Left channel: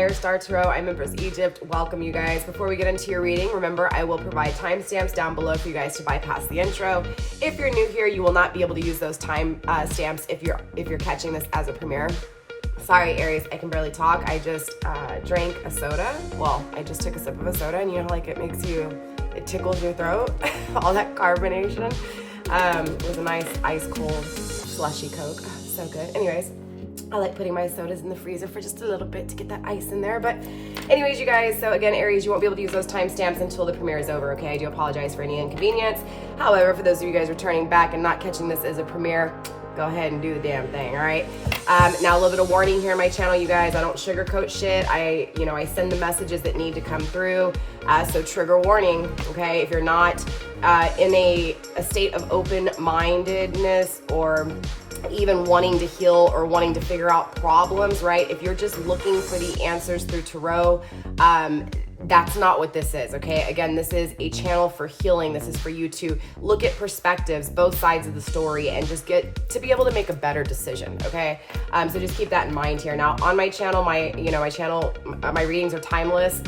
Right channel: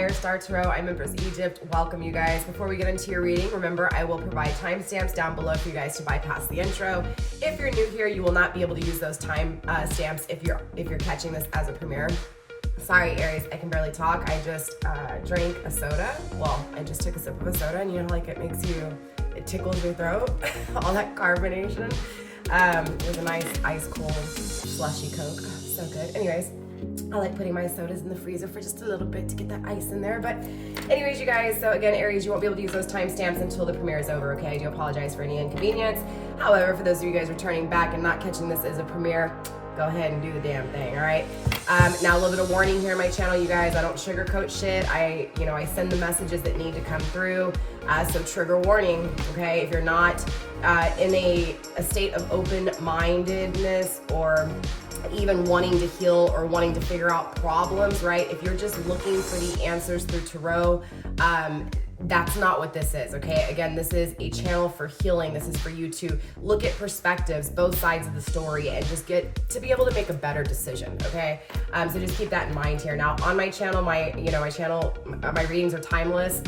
FireStar Tarot. I'm Empress Egypt. Welcome, you guys. Before we get into your reading, remember I will provide timestamps down below for you guys to bypass the intro. If you're new here, you will not be able to use those time stamps if you're catching this as a premiere. Sorry, Aries, I can barely talk. I just drank a soda. Well, I just took a sip of a soda, and you know, like it tickles your throat, all that carbonation. It was a nice ice cold slushy Coke. So good. Anyways, I like putting my sodas in the freezer for just a little bit to get that ice in there. But anyways, you guys, so again, Aries, you won't be able to use those timestamps until the premiere is over, okay? I do apologize for any inconvenience. However, for those of you guys returning back and not catching this as a premiere, go ahead and do the damn thing, all right? Now, a little bit of warning here on my channel, you guys. I don't sugarcoat shit. I send the messages that need to come through. So trigger warning, okay? If you're not in a state of open-mindedness or even wanting to heal or wanting to figure out problems, right? If you're just looking for the answers through tarot, that's not what this is, okay? Again, this is a channel for healing. This is for you to look at perspectives, both sides of the story, and just get to be able to make a better decision, okay? So just keep that in mind here. Now, on my channel, my readings are timeless.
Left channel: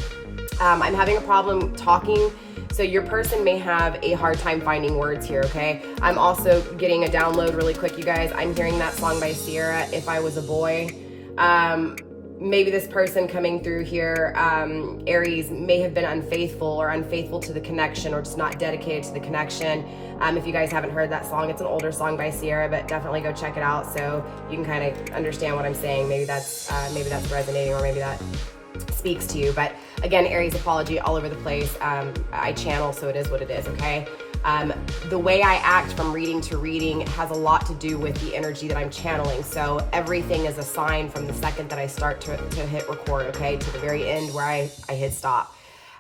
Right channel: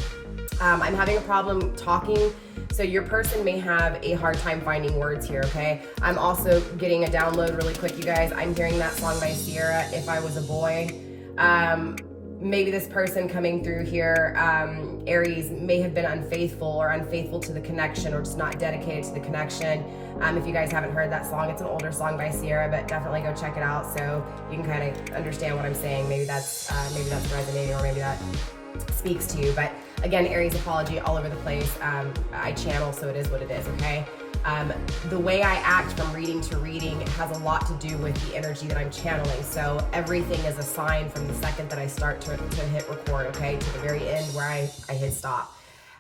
I'm having a problem talking, so your person may have a hard time finding words here, okay? I'm also getting a download really quick, you guys. I'm hearing that song by Sierra, If I Was a Boy. Maybe this person coming through here, Aries, may have been unfaithful to the connection, or just not dedicated to the connection. If you guys haven't heard that song, it's an older song by Sierra, but definitely go check it out so you can kind of understand what I'm saying. Maybe that's resonating, or maybe that speaks to you. But again, Aries, apology all over the place. I channel, so it is what it is, okay? The way I act from reading to reading has a lot to do with the energy that I'm channeling. So everything is a sign from the second that I start to hit record, okay, to the very end where I hit stop.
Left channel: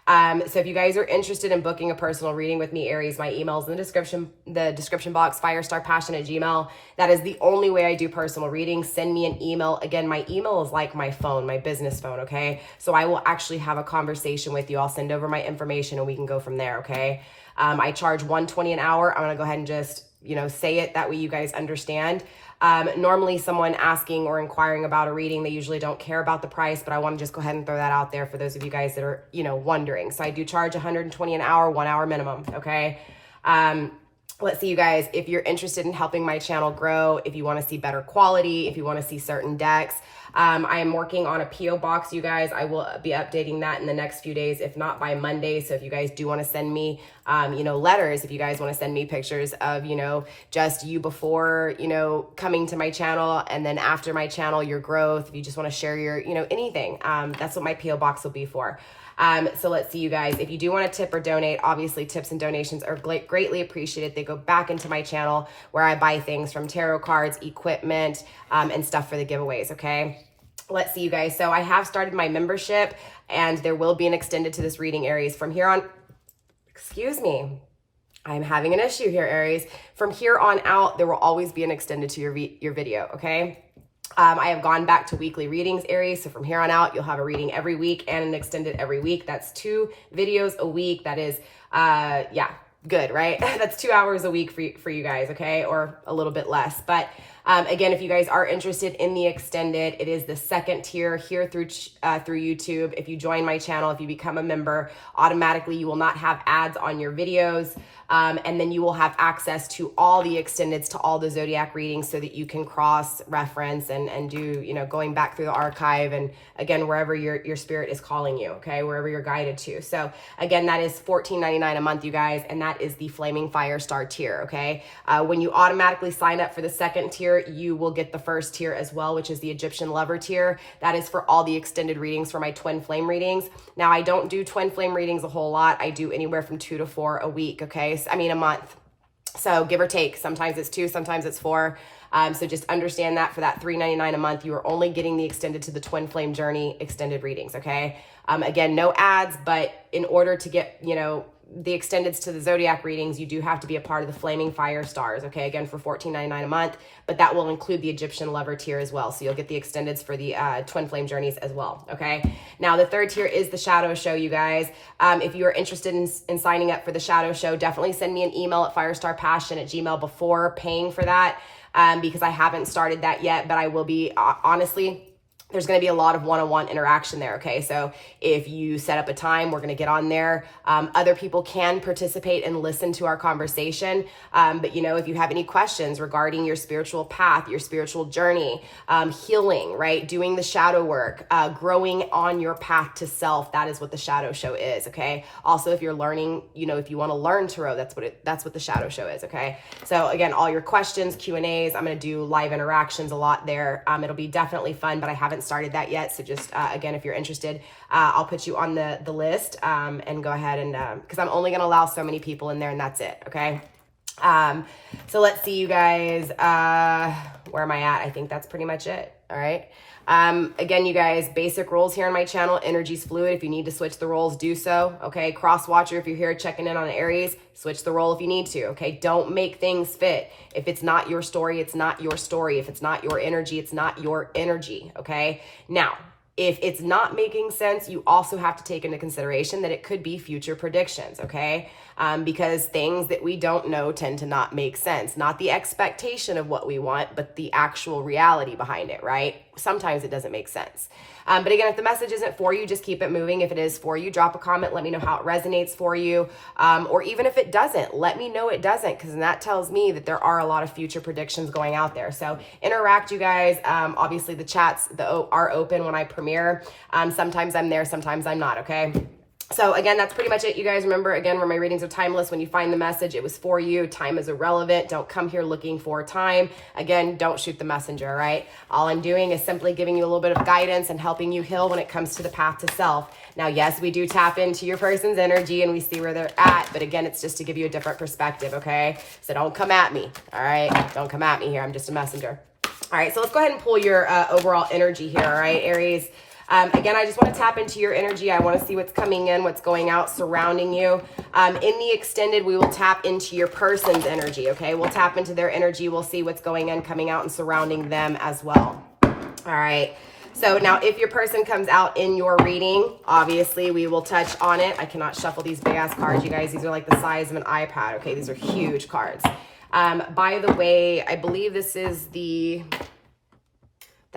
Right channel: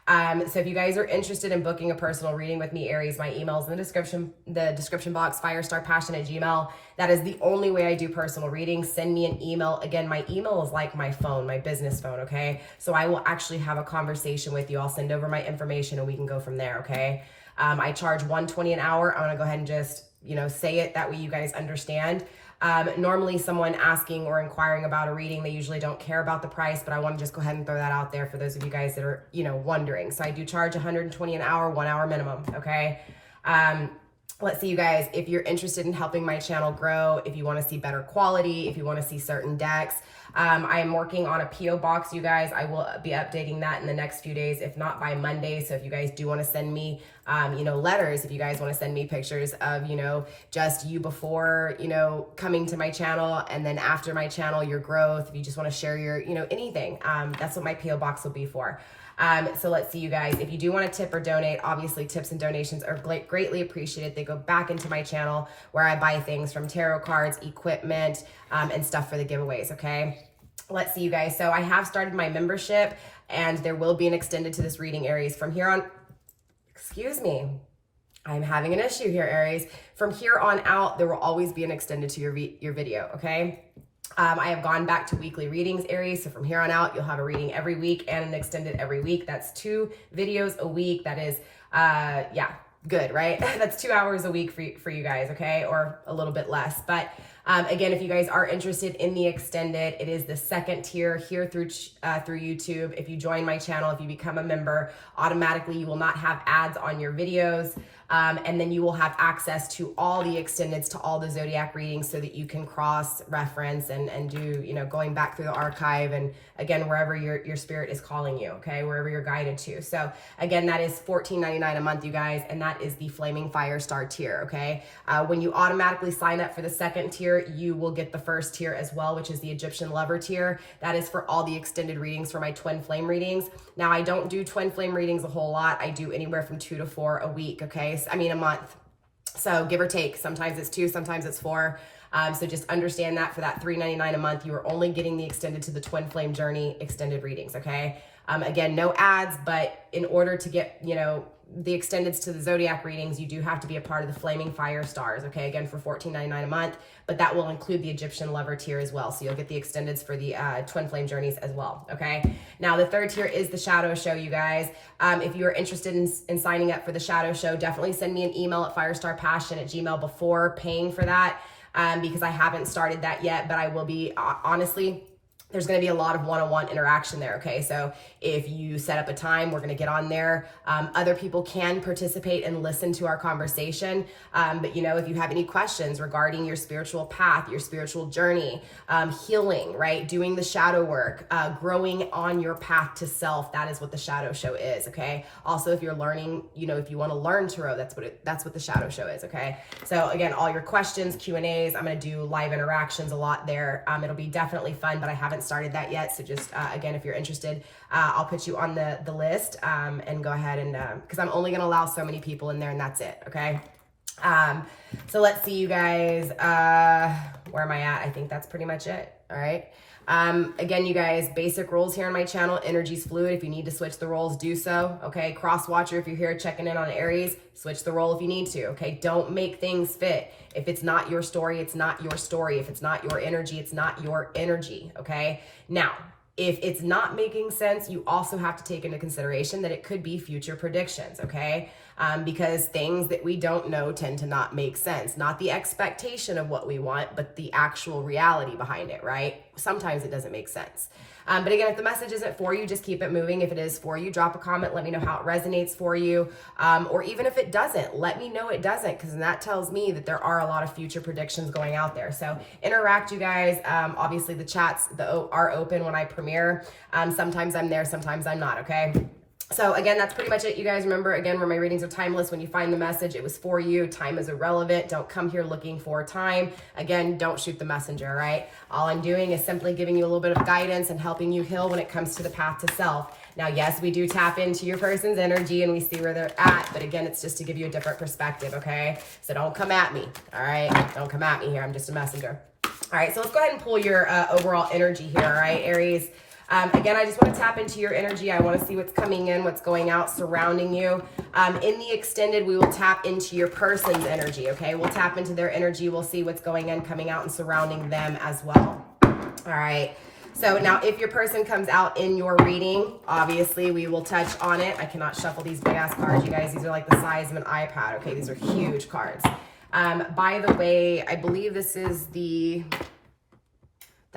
So if you guys are interested in booking a personal reading with me, Aries, my email's in the description box, FireStarPassion@gmail. That is the only way I do personal readings. Send me an email. Again, my email is like my phone, my business phone, okay? So I will actually have a conversation with you. I'll send over my information and we can go from there, okay? I charge $120 an hour. I'm gonna go ahead and just, say it. That way you guys understand. Normally someone asking or inquiring about a reading, they usually don't care about the price, but I want to just go ahead and throw that out there for those of you guys that are, wondering. So I do charge $120 an hour, 1 hour minimum, okay? Let's see, you guys, if you're interested in helping my channel grow, if you want to see better quality, if you want to see certain decks, I am working on a P.O. box, you guys. I will be updating that in the next few days, if not by Monday. So if you guys do want to send me, letters, if you guys want to send me pictures of, just you before, coming to my channel, and then after my channel, your growth, if you just want to share your, anything, that's what my P.O. box will be for. So let's see, you guys, if you do want to tip or donate, obviously tips and donations are greatly appreciated. They go back into my channel where I buy things from tarot cards, equipment, and stuff for the giveaways, okay? Let's see, you guys. So I have started my membership, and there will be an extended to this reading, Aries. From here on, excuse me, I'm having an issue here, Aries. From here on out, there will always be an extended to your video, okay? I have gone back to weekly readings, Aries. So from here on out, you'll have a reading every week and an extended every week. That's 2 videos a week. That is, good, right? That's 2 hours a week for you guys, okay? Or a little bit less. But again, if you guys are interested in the extended, it is the second tier here through YouTube. If you join my channel, if you become a member, automatically you will not have ads on your videos. And then you will have access to all the extendeds, to all the zodiac readings, so that you can cross-reference and do, going back through the archive, and again, wherever your spirit is calling you, okay, wherever you're guided to. So again, that is $14.99 a month, you guys, and that is the Flaming Firestar tier, okay? When you automatically sign up for the second tier, you will get the first tier as well, which is the Egyptian Lover tier. That is for all the extended readings for my twin flame readings. Now, I don't do twin flame readings a whole lot. I do anywhere from 2 to 4 a week, okay? A month. So give or take. Sometimes it's 2, sometimes it's 4. So just understand that for that $3.99 a month, you are only getting the extended to the twin flame journey extended readings, okay? Again, no ads, but in order to get, the extendeds to the zodiac readings, you do have to be a part of the Flaming Fire Stars, okay? Again, for $14.99 a month, but that will include the Egyptian Lover tier as well. So you'll get the extendeds for the twin flame journeys as well, okay? Now, the third tier is the Shadow Show, you guys. If you are interested in signing up for the Shadow Show, definitely send me an email at FireStarPassion@gmail before paying for that, because I haven't started that yet, but I will be, honestly, there's going to be a lot of one-on-one interaction there. Okay. So if you set up a time, we're going to get on there. Other people can participate and listen to our conversation. But if you have any questions regarding your spiritual path, your spiritual journey, healing, right? Doing the shadow work, growing on your path to self, that is what the shadow show is. Okay. Also, if you're learning, if you want to learn tarot, that's what the shadow show is. Okay. So again, all your questions, Q&As, I'm going to do live interactions a lot there. It'll be definitely fun, but I haven't started that yet. So just, again, if you're interested, I'll put you on the list, and go ahead and, cause I'm only going to allow so many people in there, and that's it. Okay. So let's see, you guys, where am I at? I think that's pretty much it. All right. Again, you guys, basic rules here on my channel. Energy's fluid. If you need to switch the roles, do so. Okay. Cross watcher. If you're here checking in on Aries, switch the role if you need to. Okay. Don't make things fit. If it's not your story, it's not your story. If it's not your energy, it's not your energy. Okay. Now, if it's not making sense, you also have to take into consideration that it could be future predictions, okay? Because things that we don't know tend to not make sense. Not the expectation of what we want, but the actual reality behind it, right? Sometimes it doesn't make sense. But again, if the message isn't for you, just keep it moving. If it is for you, drop a comment. Let me know how it resonates for you. Or even if it doesn't, let me know it doesn't, because that tells me that there are a lot of future predictions going out there. So interact, you guys. Obviously, the chats are open when I premiere. Sometimes I'm there, sometimes I'm not, okay? So again, that's pretty much it, you guys. Remember, again, where my readings are timeless. When you find the message, it was for you. Time is irrelevant. Don't come here looking for time. Again, don't shoot the messenger, all right? All I'm doing is simply giving you a little bit of guidance and helping you heal when it comes to the path to self. Now, yes, we do tap into your person's energy and we see where they're at, but again, it's just to give you a different perspective, okay? So don't come at me, all right? Don't come at me here. I'm just a messenger. All right, so let's go ahead and pull your overall energy here, all right, Aries? Again, I just want to tap into your energy. I want to see what's coming in, what's going out, surrounding you. In the extended, we will tap into your person's energy, okay? We'll tap into their energy. We'll see what's going in, coming out, and surrounding them as well. All right. So now if your person comes out in your reading, obviously we will touch on it. I cannot shuffle these big ass cards, you guys. These are like the size of an iPad, okay? These are huge cards. By the way, I believe this is the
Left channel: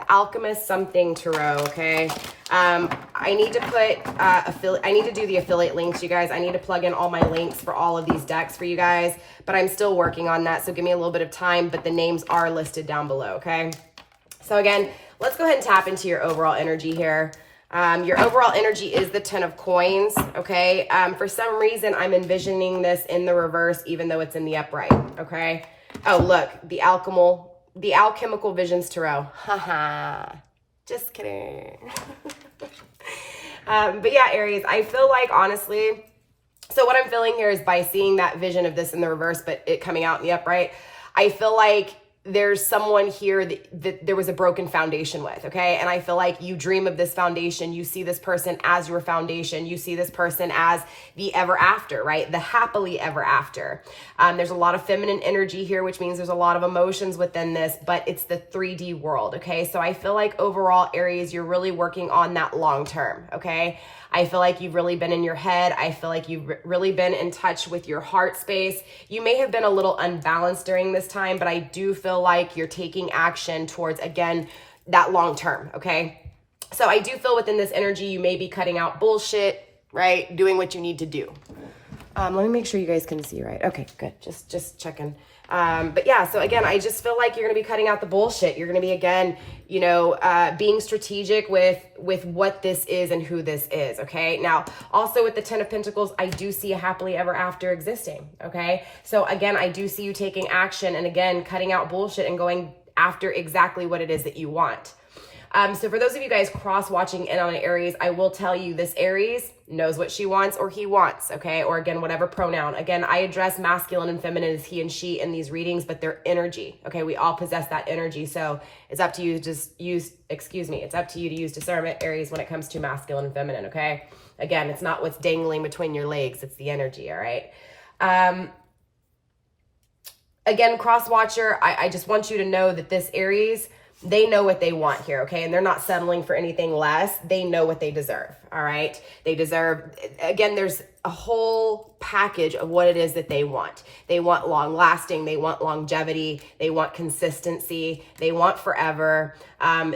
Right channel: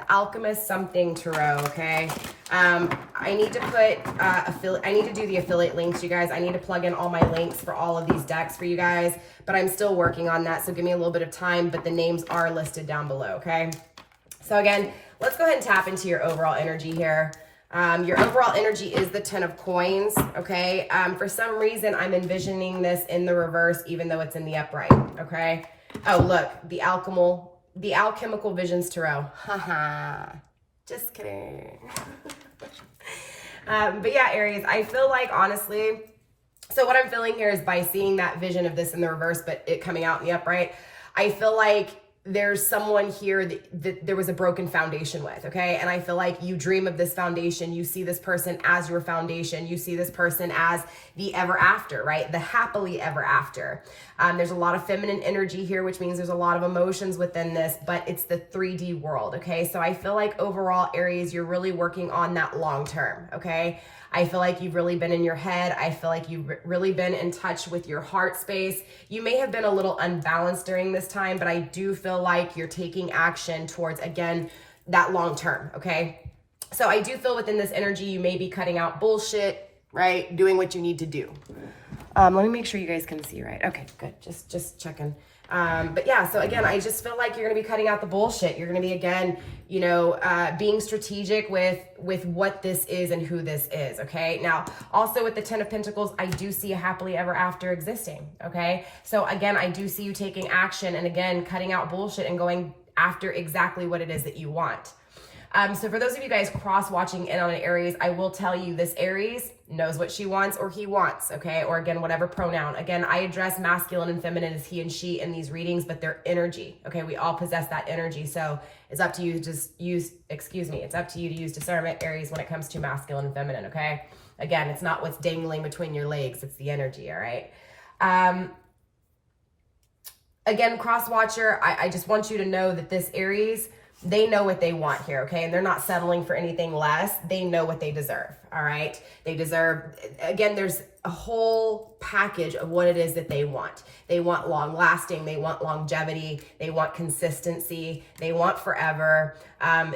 Alchemist something tarot, okay? I need to put I need to do the affiliate links, you guys. I need to plug in all my links for all of these decks for you guys, but I'm still working on that, so give me a little bit of time, but the names are listed down below, okay? So again, let's go ahead and tap into your overall energy here. Your overall energy is the 10 of coins, okay? For some reason, I'm envisioning this in the reverse, even though it's in the upright, okay? Oh, look, the Alchemical Visions Tarot. Haha. Just kidding. But yeah, Aries, I feel like, honestly, so what I'm feeling here is by seeing that vision of this in the reverse, but it coming out in the upright, I feel like there's someone here that there was a broken foundation with, okay? And I feel like you dream of this foundation. You see this person as your foundation. You see this person as the ever after, right? The happily ever after. There's a lot of feminine energy here, which means there's a lot of emotions within this, but it's the 3D world, okay? So I feel like overall, Aries, you're really working on that long term, okay? I feel like you've really been in your head. I feel like you've really been in touch with your heart space. You may have been a little unbalanced during this time, but I do feel like you're taking action towards, again, that long term, okay? So I do feel within this energy, you may be cutting out bullshit, right? Doing what you need to do. Let me make sure you guys can see, right? Okay, good. Just checking. But yeah, so again, I just feel like you're going to be cutting out the bullshit. You're going to be, again, you know, being strategic with what this is and who this is. Okay. Now, also with the 10 of Pentacles, I do see a happily ever after existing. Okay. So again, I do see you taking action and again, cutting out bullshit and going after exactly what it is that you want. So for those of you guys cross-watching in on an Aries, I will tell you this Aries knows what she wants or he wants, okay? Or again, whatever pronoun. Again, I address masculine and feminine as he and she in these readings, but they're energy, okay? We all possess that energy. So it's up to you to just it's up to you to use discernment, Aries, when it comes to masculine and feminine, okay? Again, it's not what's dangling between your legs. It's the energy, all right? Again, cross-watcher, I just want you to know that this Aries, they know what they want here, okay? And they're not settling for anything less. They know what they deserve, all right? They deserve, again, there's a whole package of what it is that they want. They want long lasting. They want longevity. They want consistency. They want forever.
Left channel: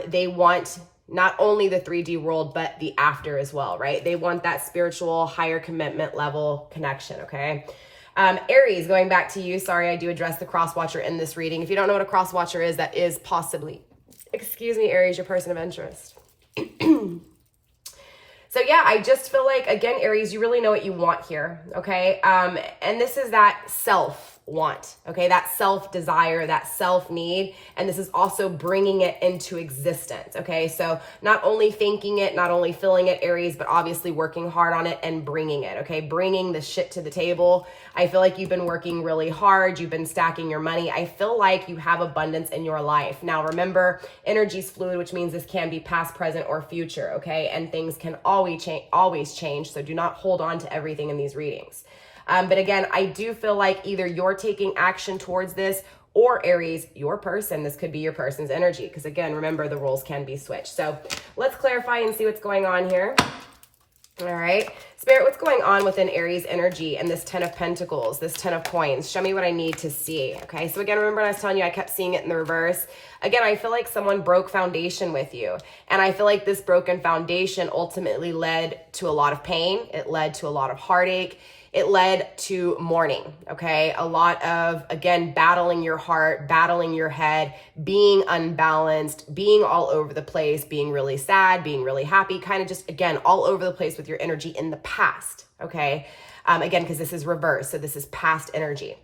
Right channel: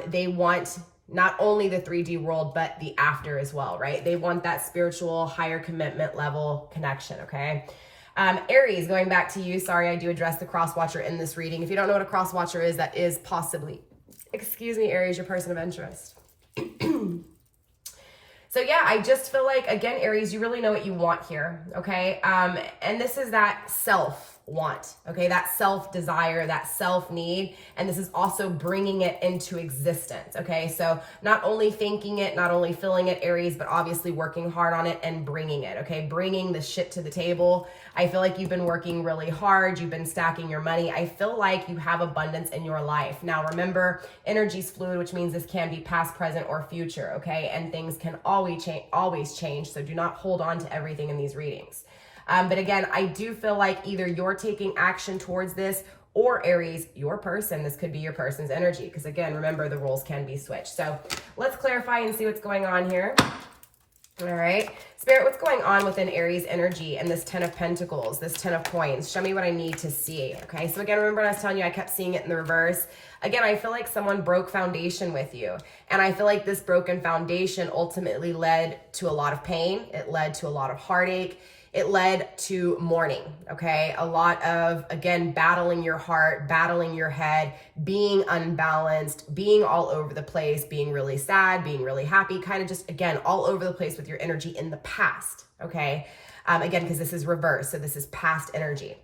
They want not only the 3D world, but the after as well, right? They want that spiritual, higher commitment level connection, okay? Aries, going back to you. Sorry, I do address the cross watcher in this reading. If you don't know what a cross watcher is, that is possibly, excuse me, Aries, your person of interest. So yeah, I just feel like, again, Aries, you really know what you want here, okay? And this is that self-want, okay? That self-desire, that self-need, and this is also bringing it into existence, okay? So not only thinking it, not only feeling it, Aries, but obviously working hard on it and bringing it, okay? Bringing the shit to the table. I feel like you've been working really hard. You've been stacking your money. I feel like you have abundance in your life. Now, remember, energy's fluid, which means this can be past, present, or future, okay? And things can always change. So do not hold on to everything in these readings. But again, I do feel like either you're taking action towards this, or Aries, your person, this could be your person's energy. Because again, remember, the roles can be switched. So let's clarify and see what's going on here. All right, Spirit, what's going on within Aries energy and this 10 of Pentacles, this 10 of Coins? Show me what I need to see, okay? So again, remember I was telling you I kept seeing it in the reverse. Again, I feel like someone broke foundation with you. And I feel like this broken foundation ultimately led to a lot of pain. It led to a lot of heartache. It led to mourning, okay? A lot of, again, battling your heart, battling your head, being unbalanced, being all over the place, being really sad, being really happy, kind of just, again, all over the place with your energy in the past, okay? Again, because this is reverse, so this is past energy.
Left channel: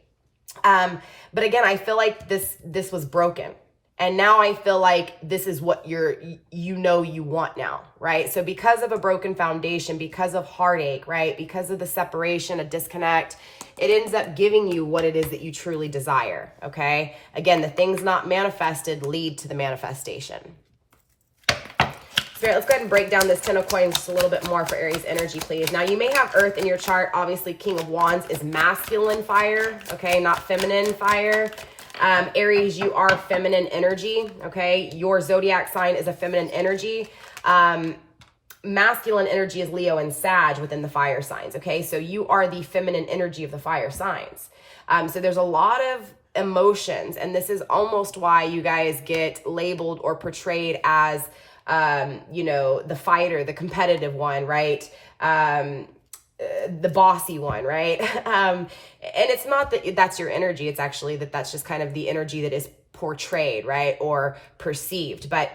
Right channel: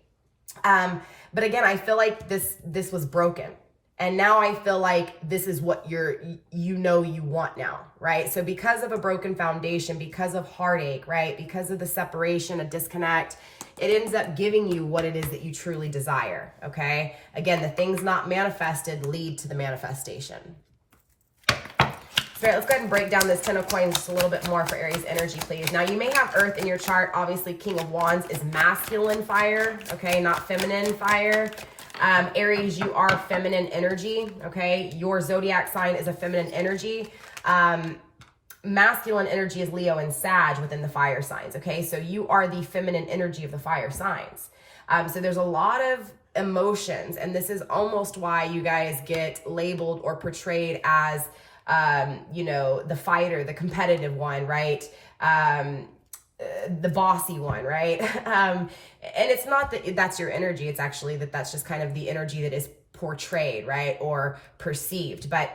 But again, I feel like this was broken. And now I feel like this is what you want now, right? So because of a broken foundation, because of heartache, right? Because of the separation, a disconnect, it ends up giving you what it is that you truly desire, okay? Again, the things not manifested lead to the manifestation. Spirit, let's go ahead and break down this 10 of Coins just a little bit more for Aries energy, please. Now, you may have Earth in your chart. Obviously, King of Wands is masculine fire, okay? Not feminine fire. Aries, you are feminine energy, okay? Your zodiac sign is a feminine energy. Masculine energy is Leo and Sag within the fire signs, okay? So you are the feminine energy of the fire signs. So there's a lot of emotions, and this is almost why you guys get labeled or portrayed as, you know, the fighter, the competitive one, right? The bossy one, right? And it's not that that's your energy. It's actually that's just kind of the energy that is portrayed, right? Or perceived. But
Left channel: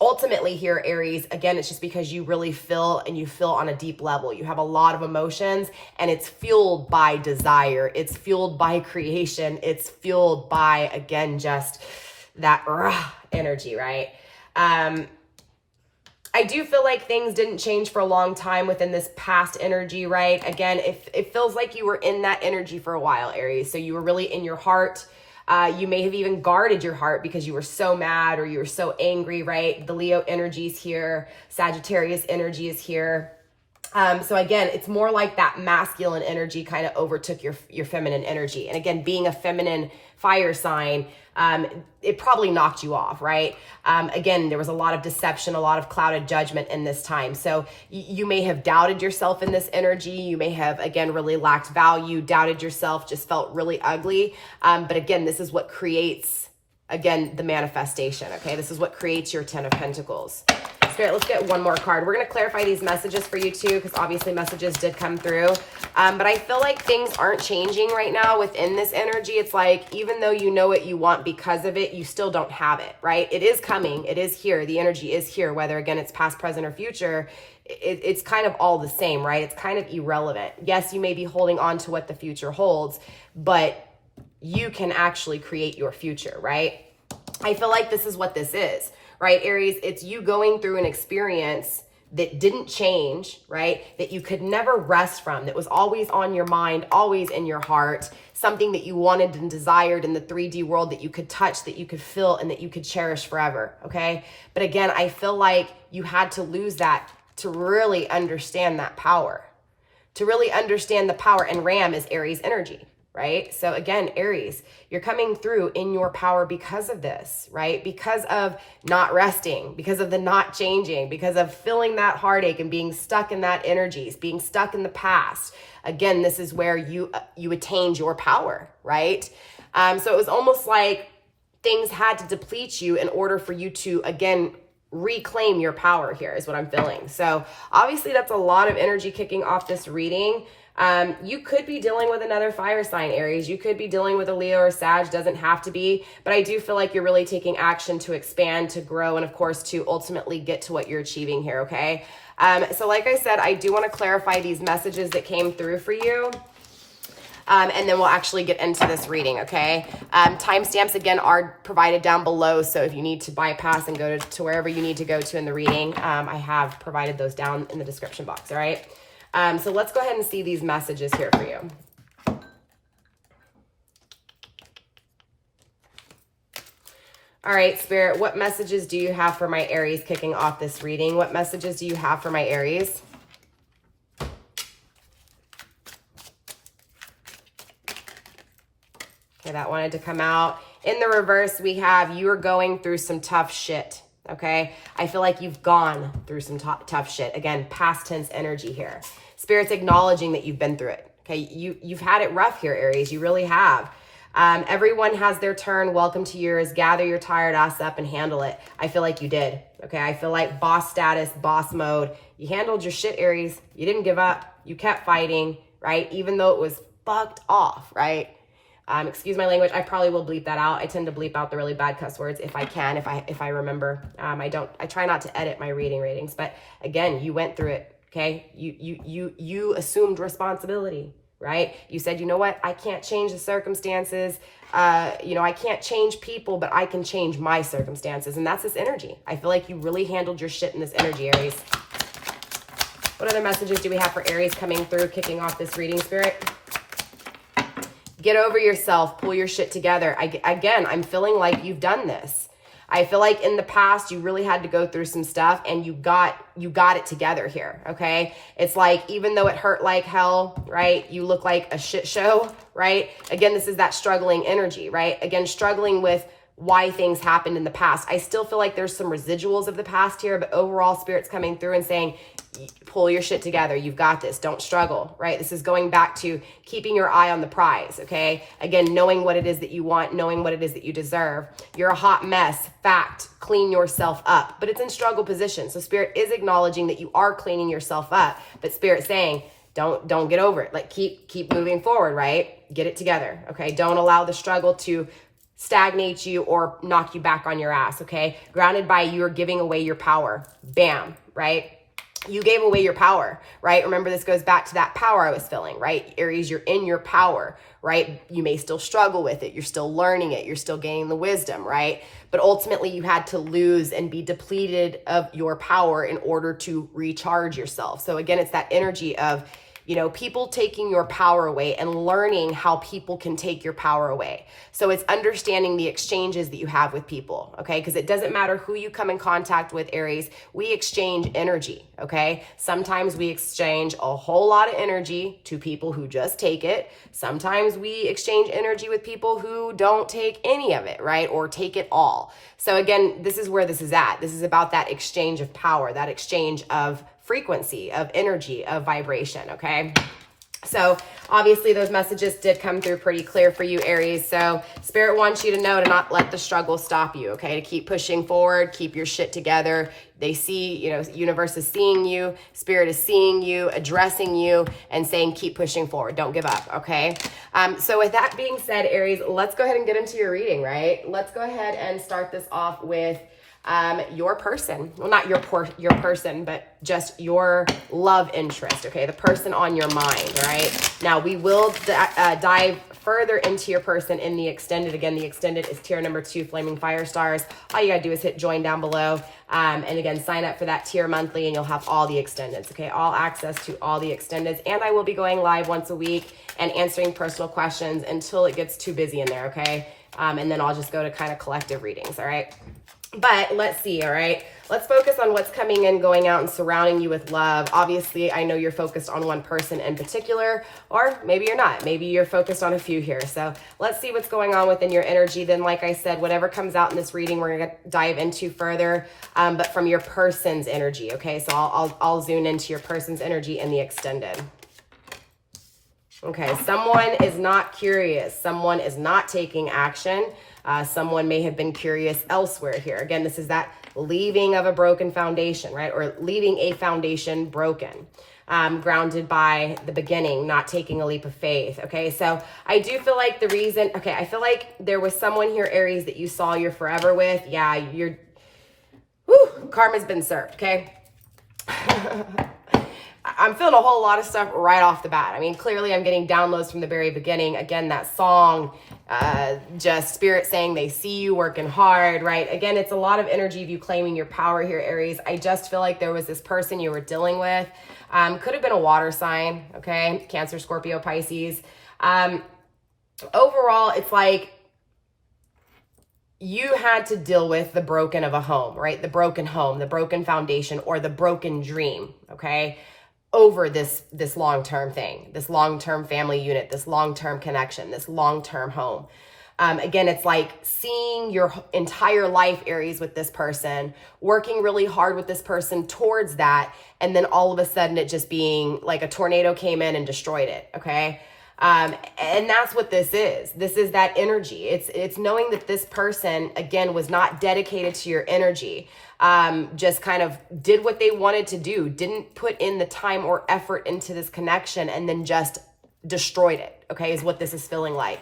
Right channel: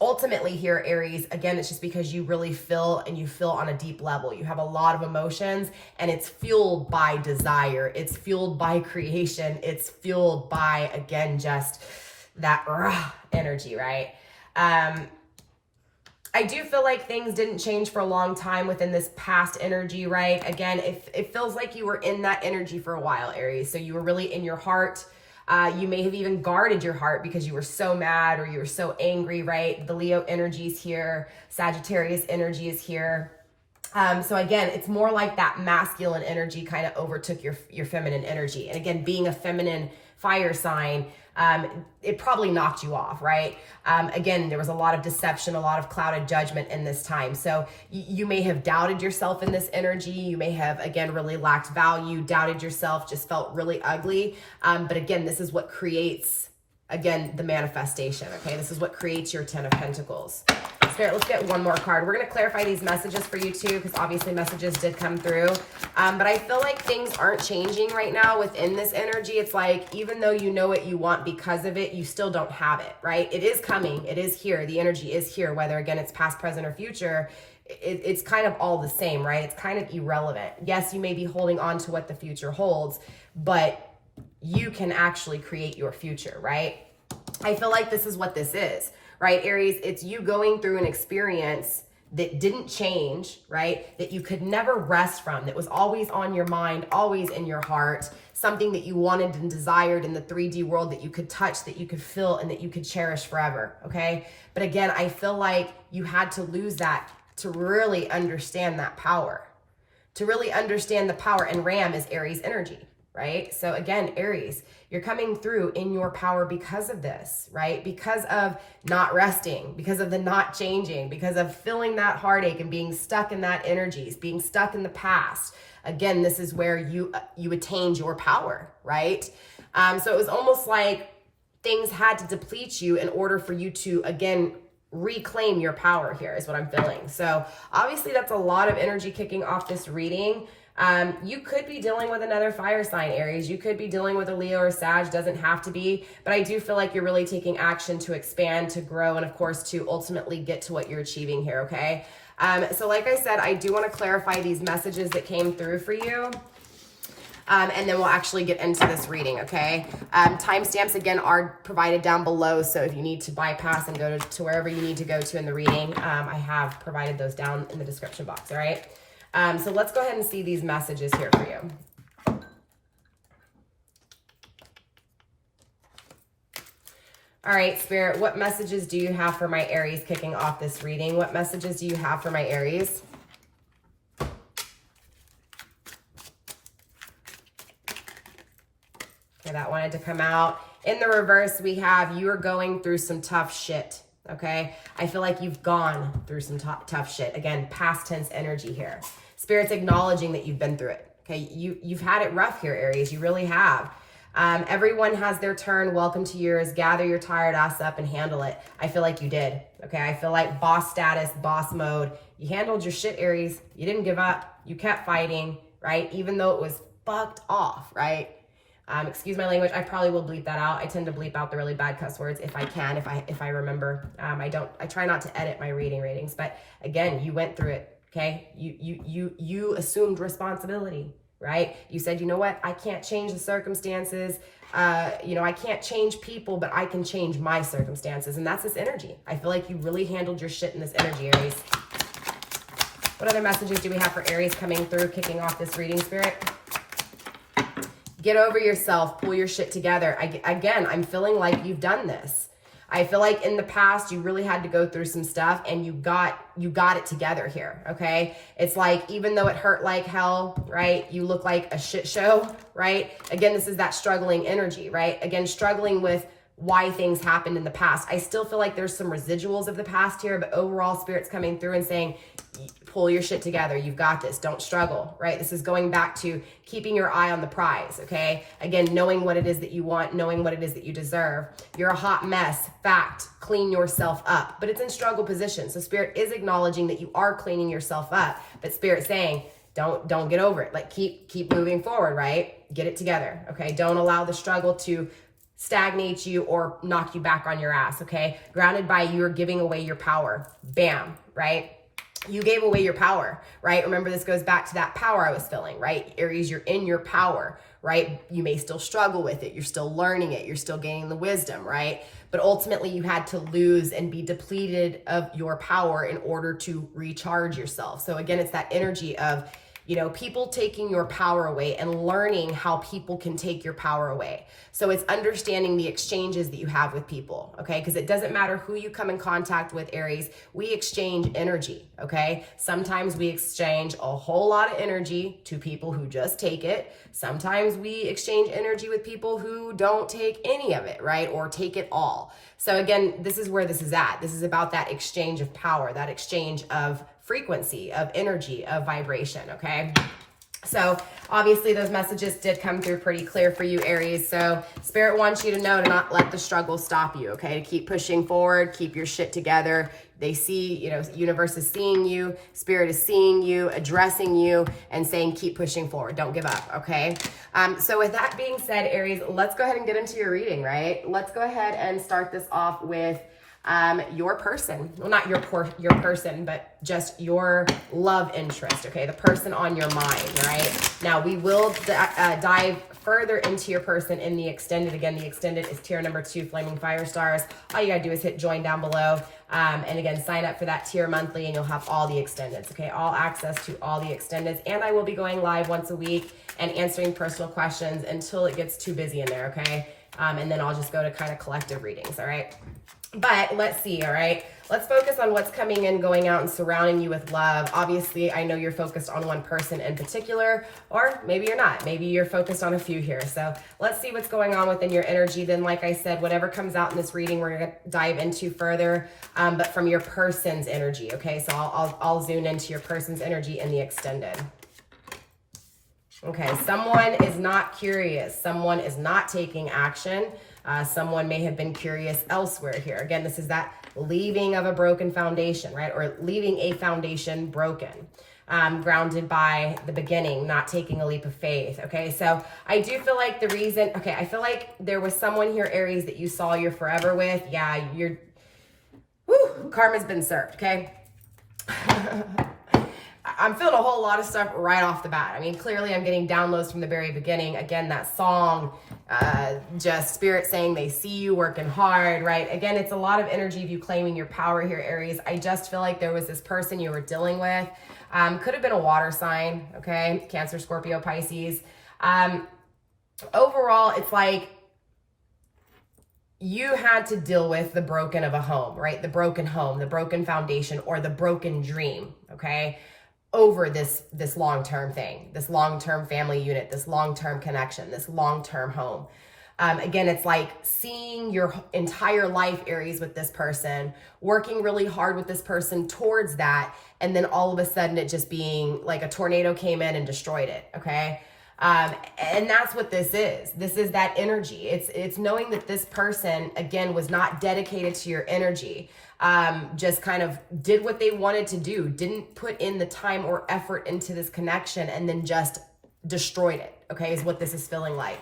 ultimately here, Aries, again, it's just because you really feel, and you feel on a deep level. You have a lot of emotions, and it's fueled by desire. It's fueled by creation. It's fueled by, again, just that energy, right? I do feel like things didn't change for a long time within this past energy, right? Again, it feels like you were in that energy for a while, Aries. So you were really in your heart. You may have even guarded your heart because you were so mad or you were so angry, right? The Leo energy is here. Sagittarius energy is here. So again, it's more like that masculine energy kind of overtook your feminine energy. And again, being a feminine fire sign, it probably knocked you off, right? Again, there was a lot of deception, a lot of clouded judgment in this time. So you may have doubted yourself in this energy. You may have, again, really lacked value, doubted yourself, just felt really ugly. But again, this is what creates, again, the manifestation, okay? This is what creates your 10 of Pentacles. Spirit, let's get one more card. We're going to clarify these messages for you too, because obviously messages did come through. But I feel like things aren't changing right now within this energy. It's like, even though you know what you want because of it, you still don't have it, right? It is coming. It is here. The energy is here, whether, again, it's past, present, or future. It's kind of all the same, right? It's kind of irrelevant. Yes, you may be holding on to what the future holds, but you can actually create your future, right? I feel like this is what this is. Right, Aries, it's you going through an experience that didn't change, right? That you could never rest from, that was always on your mind, always in your heart, something that you wanted and desired in the 3D world that you could touch, that you could feel, and that you could cherish forever, okay? But again, I feel like you had to lose that to really understand that power, to really understand the power, and Ram is Aries energy. Right? So again, Aries, you're coming through in your power because of this, right? Because of not resting, because of the not changing, because of feeling that heartache and being stuck in that energies, being stuck in the past. Again, this is where you attained your power, right? So it was almost like things had to deplete you in order for you to, again, reclaim your power here is what I'm feeling. So obviously that's a lot of energy kicking off this reading. You could be dealing with another fire sign, Aries. You could be dealing with a Leo or Sag, doesn't have to be, but I do feel like you're really taking action to expand, to grow, and of course to ultimately get to what you're achieving here, okay? So like I said, I do want to clarify these messages that came through for you. And then we'll actually get into this reading, okay? Timestamps, again, are provided down below, so if you need to bypass and go to wherever you need to go to in the reading, I have provided those down in the description box, all right? So let's go ahead and see these messages here for you. All right, Spirit, what messages do you have for my Aries kicking off this reading? What messages do you have for my Aries? Okay, that wanted to come out. In the reverse, we have you are going through some tough shit, okay? I feel like you've gone through some tough shit. Again, past tense energy here. Spirit's acknowledging that you've been through it, okay? You've had it rough here, Aries. You really have. Everyone has their turn. Welcome to yours. Gather your tired ass up and handle it. I feel like you did, okay? I feel like boss status, boss mode. You handled your shit, Aries. You didn't give up. You kept fighting, right? Even though it was fucked off, right? Excuse my language. I probably will bleep that out. I tend to bleep out the really bad cuss words if I can, if I remember. I try not to edit my reading ratings, but again, you went through it, okay? You assumed responsibility, right? You said, you know what? I can't change the circumstances. I can't change people, but I can change my circumstances. And that's this energy. I feel like you really handled your shit in this energy, Aries. What other messages do we have for Aries coming through, kicking off this reading, Spirit? Get over yourself, pull your shit together. Again, I'm feeling like you've done this. I feel like in the past, you really had to go through some stuff and you got it together here, okay? It's like, even though it hurt like hell, right? You look like a shit show, right? Again, this is that struggling energy, right? Again, struggling with why things happened in the past. I still feel like there's some residuals of the past here, but overall, Spirit's coming through and saying, pull your shit together. You've got this. Don't struggle, right? This is going back to keeping your eye on the prize, okay? Again, knowing what it is that you want, knowing what it is that you deserve. You're a hot mess. Fact, clean yourself up. But it's in struggle position. So Spirit is acknowledging that you are cleaning yourself up, but Spirit saying, don't get over it. Like keep moving forward, right? Get it together, okay? Don't allow the struggle to stagnate you or knock you back on your ass, okay? Grounded by you're giving away your power. Bam, right? You gave away your power, right? Remember, this goes back to that power I was feeling, right? Aries, you're in your power, right? You may still struggle with it. You're still learning it. You're still gaining the wisdom, right? But ultimately, you had to lose and be depleted of your power in order to recharge yourself. So again, it's that energy of, people taking your power away and learning how people can take your power away. So it's understanding the exchanges that you have with people, okay? Because it doesn't matter who you come in contact with, Aries, we exchange energy, okay? Sometimes we exchange a whole lot of energy to people who just take it. Sometimes we exchange energy with people who don't take any of it, right? Or take it all. So again, this is where this is at. This is about that exchange of power, that exchange of frequency, of energy, of vibration, okay? So obviously those messages did come through pretty clear for you, Aries. So Spirit wants you to know to not let the struggle stop you, okay? To keep pushing forward, keep your shit together. They see, universe is seeing you, Spirit is seeing you, addressing you, and saying, keep pushing forward. Don't give up, okay? So with that being said, Aries, let's go ahead and get into your reading, right? Let's go ahead and start this off with your person. Well, not your person, but just your love interest, okay? The person on your mind, right? Now, we will dive further into your person in the extended. Again, the extended is tier number 2, Flaming Fire Stars. All you gotta do is hit join down below. And again, sign up for that tier monthly and you'll have all the extendeds, okay? All access to all the extendeds. And I will be going live once a week and answering personal questions until it gets too busy in there, okay? And then I'll just go to kind of collective readings, all right? But let's see, all right? Let's focus on what's coming in, going out, and surrounding you with love. Obviously, I know you're focused on one person in particular, or maybe you're not. Maybe you're focused on a few here. So let's see what's going on within your energy. Then, like I said, whatever comes out in this reading, we're going to dive into further, but from your person's energy, okay? So I'll zoom into your person's energy in the extended. Okay, someone is not curious. Someone is not taking action. Someone may have been curious elsewhere here. Again, this is that leaving of a broken foundation, right? Or leaving a foundation broken, grounded by the beginning, not taking a leap of faith. Okay, so I do feel like the reason, okay, I feel like there was someone here, Aries, that you saw you're forever with. Yeah, karma's been served, okay? I'm feeling a whole lot of stuff right off the bat. I mean, clearly I'm getting downloads from the very beginning. Again, that song, just spirit saying they see you working hard, right? Again, it's a lot of energy of you claiming your power here, Aries. I just feel like there was this person you were dealing with. Could have been a water sign, okay? Cancer, Scorpio, Pisces. Overall, it's like you had to deal with the broken of a home, right? The broken home, the broken foundation, or the broken dream, okay? Over this long-term thing, this long-term family unit, this long-term connection, this long-term home. Again, it's like seeing your entire life, Aries, with this person, working really hard with this person towards that, and then all of a sudden it just being like a tornado came in and destroyed it, okay? And that's what this is. This is that energy. It's knowing that this person, again, was not dedicated to your energy. Just kind of did what they wanted to do, didn't put in the time or effort into this connection, and then just destroyed it, okay, is what this is feeling like.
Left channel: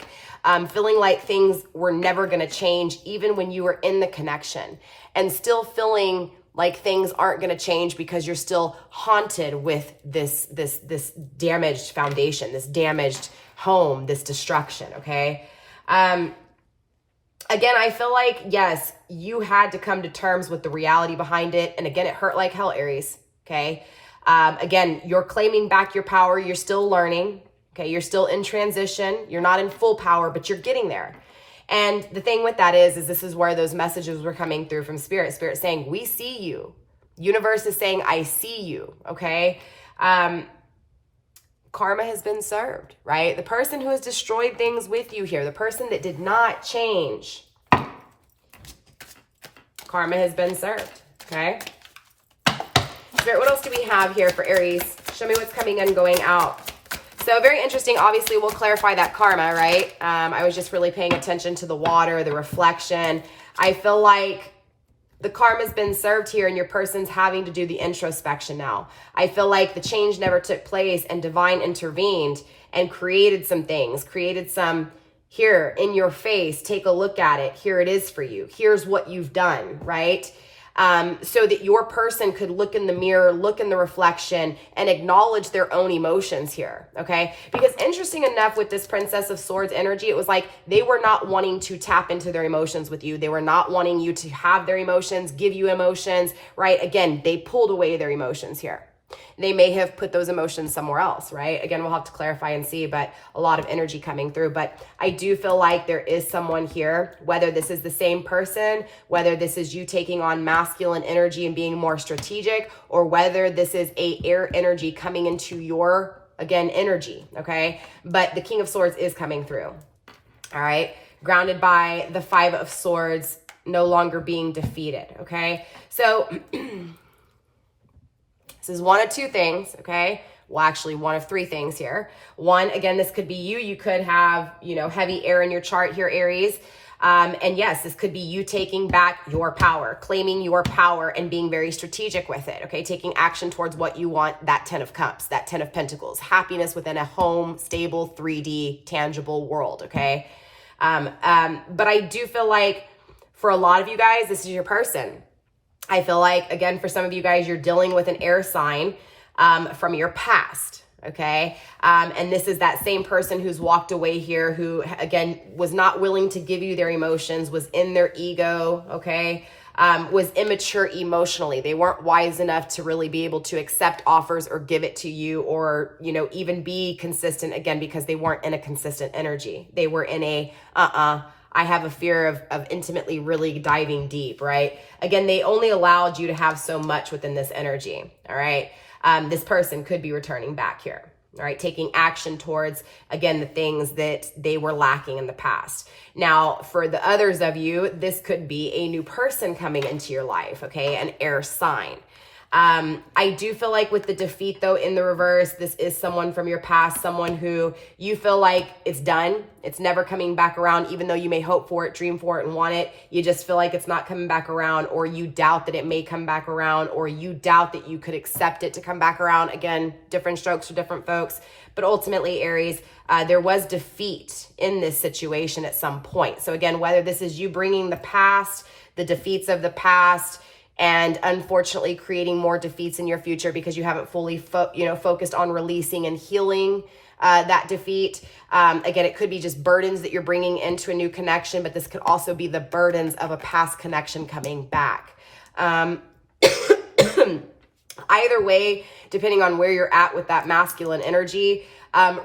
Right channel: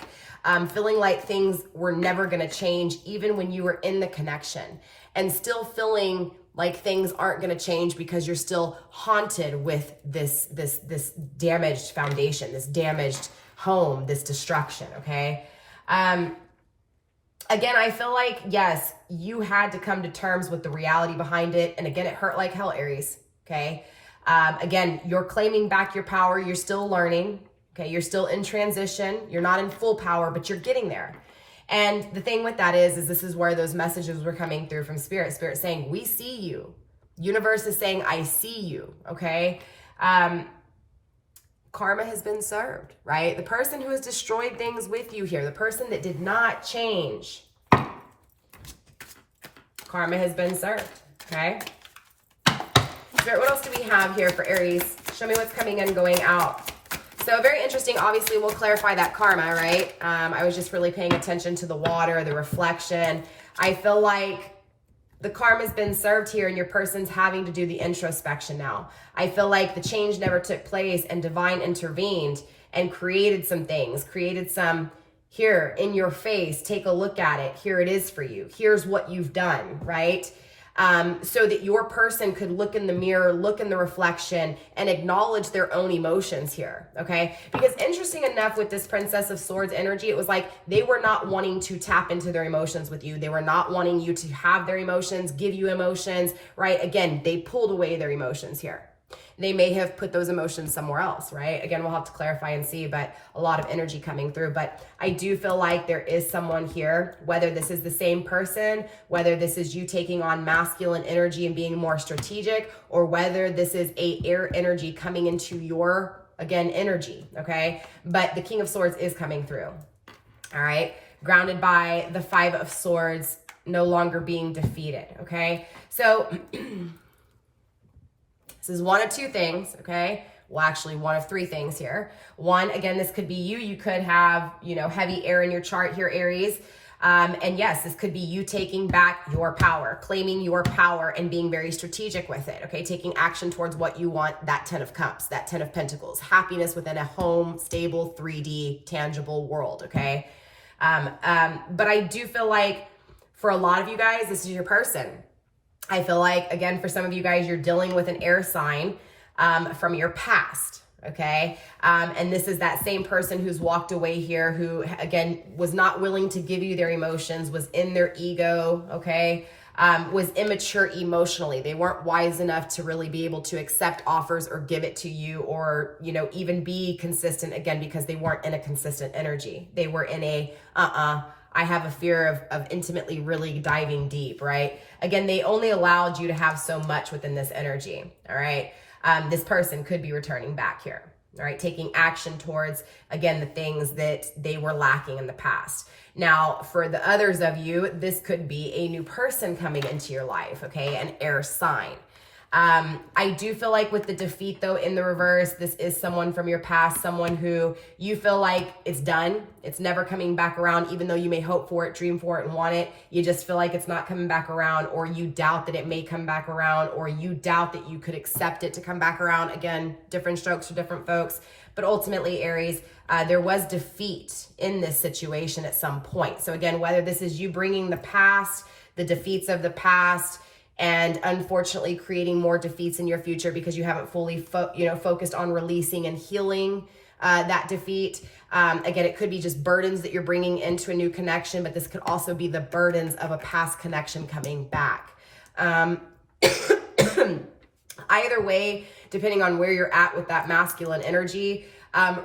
Feeling like things were never going to change even when you were in the connection, and still feeling like things aren't going to change because you're still haunted with this damaged foundation, this damaged home, this destruction, okay? Again, I feel like, yes, you had to come to terms with the reality behind it. And again, it hurt like hell, Aries, okay? Again, you're claiming back your power. You're still learning, okay? You're still in transition. You're not in full power, but you're getting there. And the thing with that is this is where those messages were coming through from Spirit. Spirit saying, we see you. Universe is saying, I see you, okay? Karma has been served, right? The person who has destroyed things with you here, the person that did not change, karma has been served, okay? Spirit, what else do we have here for Aries? Show me what's coming in, going out. So very interesting. Obviously, we'll clarify that karma, right? I was just really paying attention to the water, the reflection. I feel like the karma's been served here and your person's having to do the introspection now. I feel like the change never took place and divine intervened and created some things, created some here in your face, take a look at it. Here it is for you. Here's what you've done, right? So that your person could look in the mirror, look in the reflection, and acknowledge their own emotions here, okay? Because interesting enough with this Princess of Swords energy, it was like they were not wanting to tap into their emotions with you. They were not wanting you to have their emotions, give you emotions, right? Again, they pulled away their emotions here. They may have put those emotions somewhere else, right? Again, we'll have to clarify and see, but a lot of energy coming through. But I do feel like there is someone here, whether this is the same person, whether this is you taking on masculine energy and being more strategic, or whether this is a air energy coming into your, again, energy, okay? But the King of Swords is coming through, all right? Grounded by the Five of Swords, no longer being defeated, okay? So this is one of two things, okay? Well, actually one of three things here. One, again, this could be you. You could have, you know, heavy air in your chart here, Aries. And yes, this could be you taking back your power, claiming your power and being very strategic with it, okay? Taking action towards what you want, that 10 of Cups, that 10 of Pentacles, happiness within a home, stable, 3D, tangible world, okay? But I do feel like for a lot of you guys, this is your person. I feel like, again, for some of you guys, you're dealing with an air sign from your past, okay? And this is that same person who's walked away here who, again, was not willing to give you their emotions, was in their ego, okay? Was immature emotionally. They weren't wise enough to really be able to accept offers or give it to you or, you know, even be consistent, again, because they weren't in a consistent energy. They were in a, I have a fear of intimately really diving deep, right? Again, they only allowed you to have so much within this energy, all right? This person could be returning back here, all right? Taking action towards, again, the things that they were lacking in the past. Now, for the others of you, this could be a new person coming into your life, okay? An air sign. I do feel like with the defeat though in the reverse, this is someone from your past, someone who you feel like it's done. It's never coming back around, even though you may hope for it, dream for it, and want it. You just feel like it's not coming back around, or you doubt that it may come back around, or you doubt that you could accept it to come back around. Again, different strokes for different folks. But ultimately, Aries, there was defeat in this situation at some point. So again, whether this is you bringing the past, the defeats of the past, and unfortunately creating more defeats in your future because you haven't fully focused on releasing and healing that defeat. Again, it could be just burdens that you're bringing into a new connection, but this could also be the burdens of a past connection coming back. Either way, depending on where you're at with that masculine energy,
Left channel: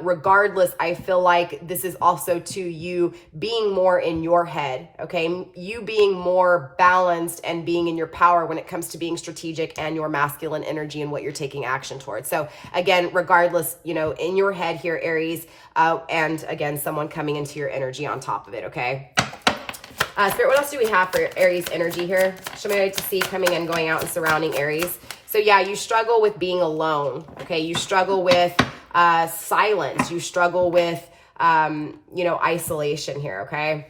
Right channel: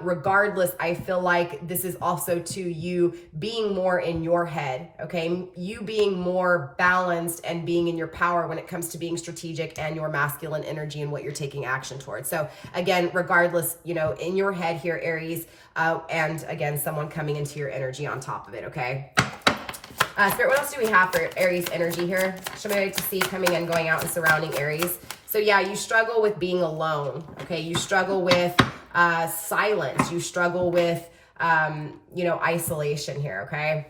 regardless, I feel like this is also to you being more in your head, okay? You being more balanced and being in your power when it comes to being strategic and your masculine energy and what you're taking action towards. So again, regardless, in your head here, Aries, and again, someone coming into your energy on top of it, okay? Spirit, what else do we have for Aries energy here? Show me what I like to see coming in, going out, and surrounding Aries. So yeah, you struggle with being alone, okay? You struggle with silence. You struggle with, isolation here, okay?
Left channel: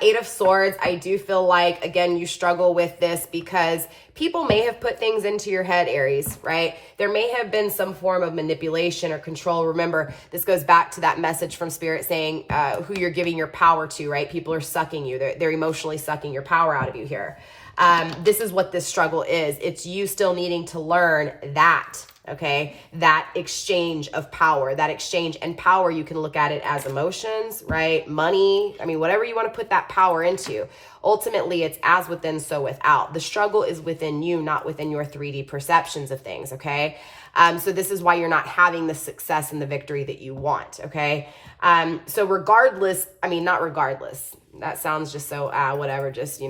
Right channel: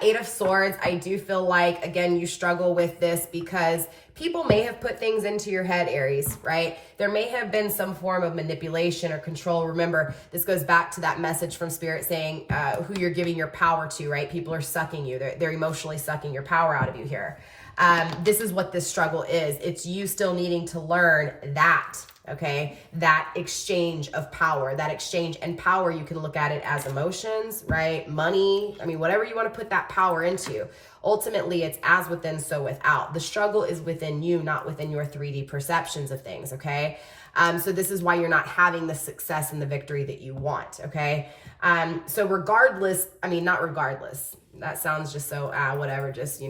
Eight of Swords, I do feel like, again, you struggle with this because people may have put things into your head, Aries, right? There may have been some form of manipulation or control. Remember, this goes back to that message from Spirit saying who you're giving your power to, right? People are sucking you. They're emotionally sucking your power out of you here. This is what this struggle is. It's you still needing to learn that, okay? That exchange of power, that exchange and power, you can look at it as emotions, right? Money, whatever you want to put that power into. Ultimately, it's as within, so without. The struggle is within you, not within your 3D perceptions of things, okay? So this is why you're not having the success and the victory that you want, okay? So regardless, not regardless. That sounds just so, whatever, just,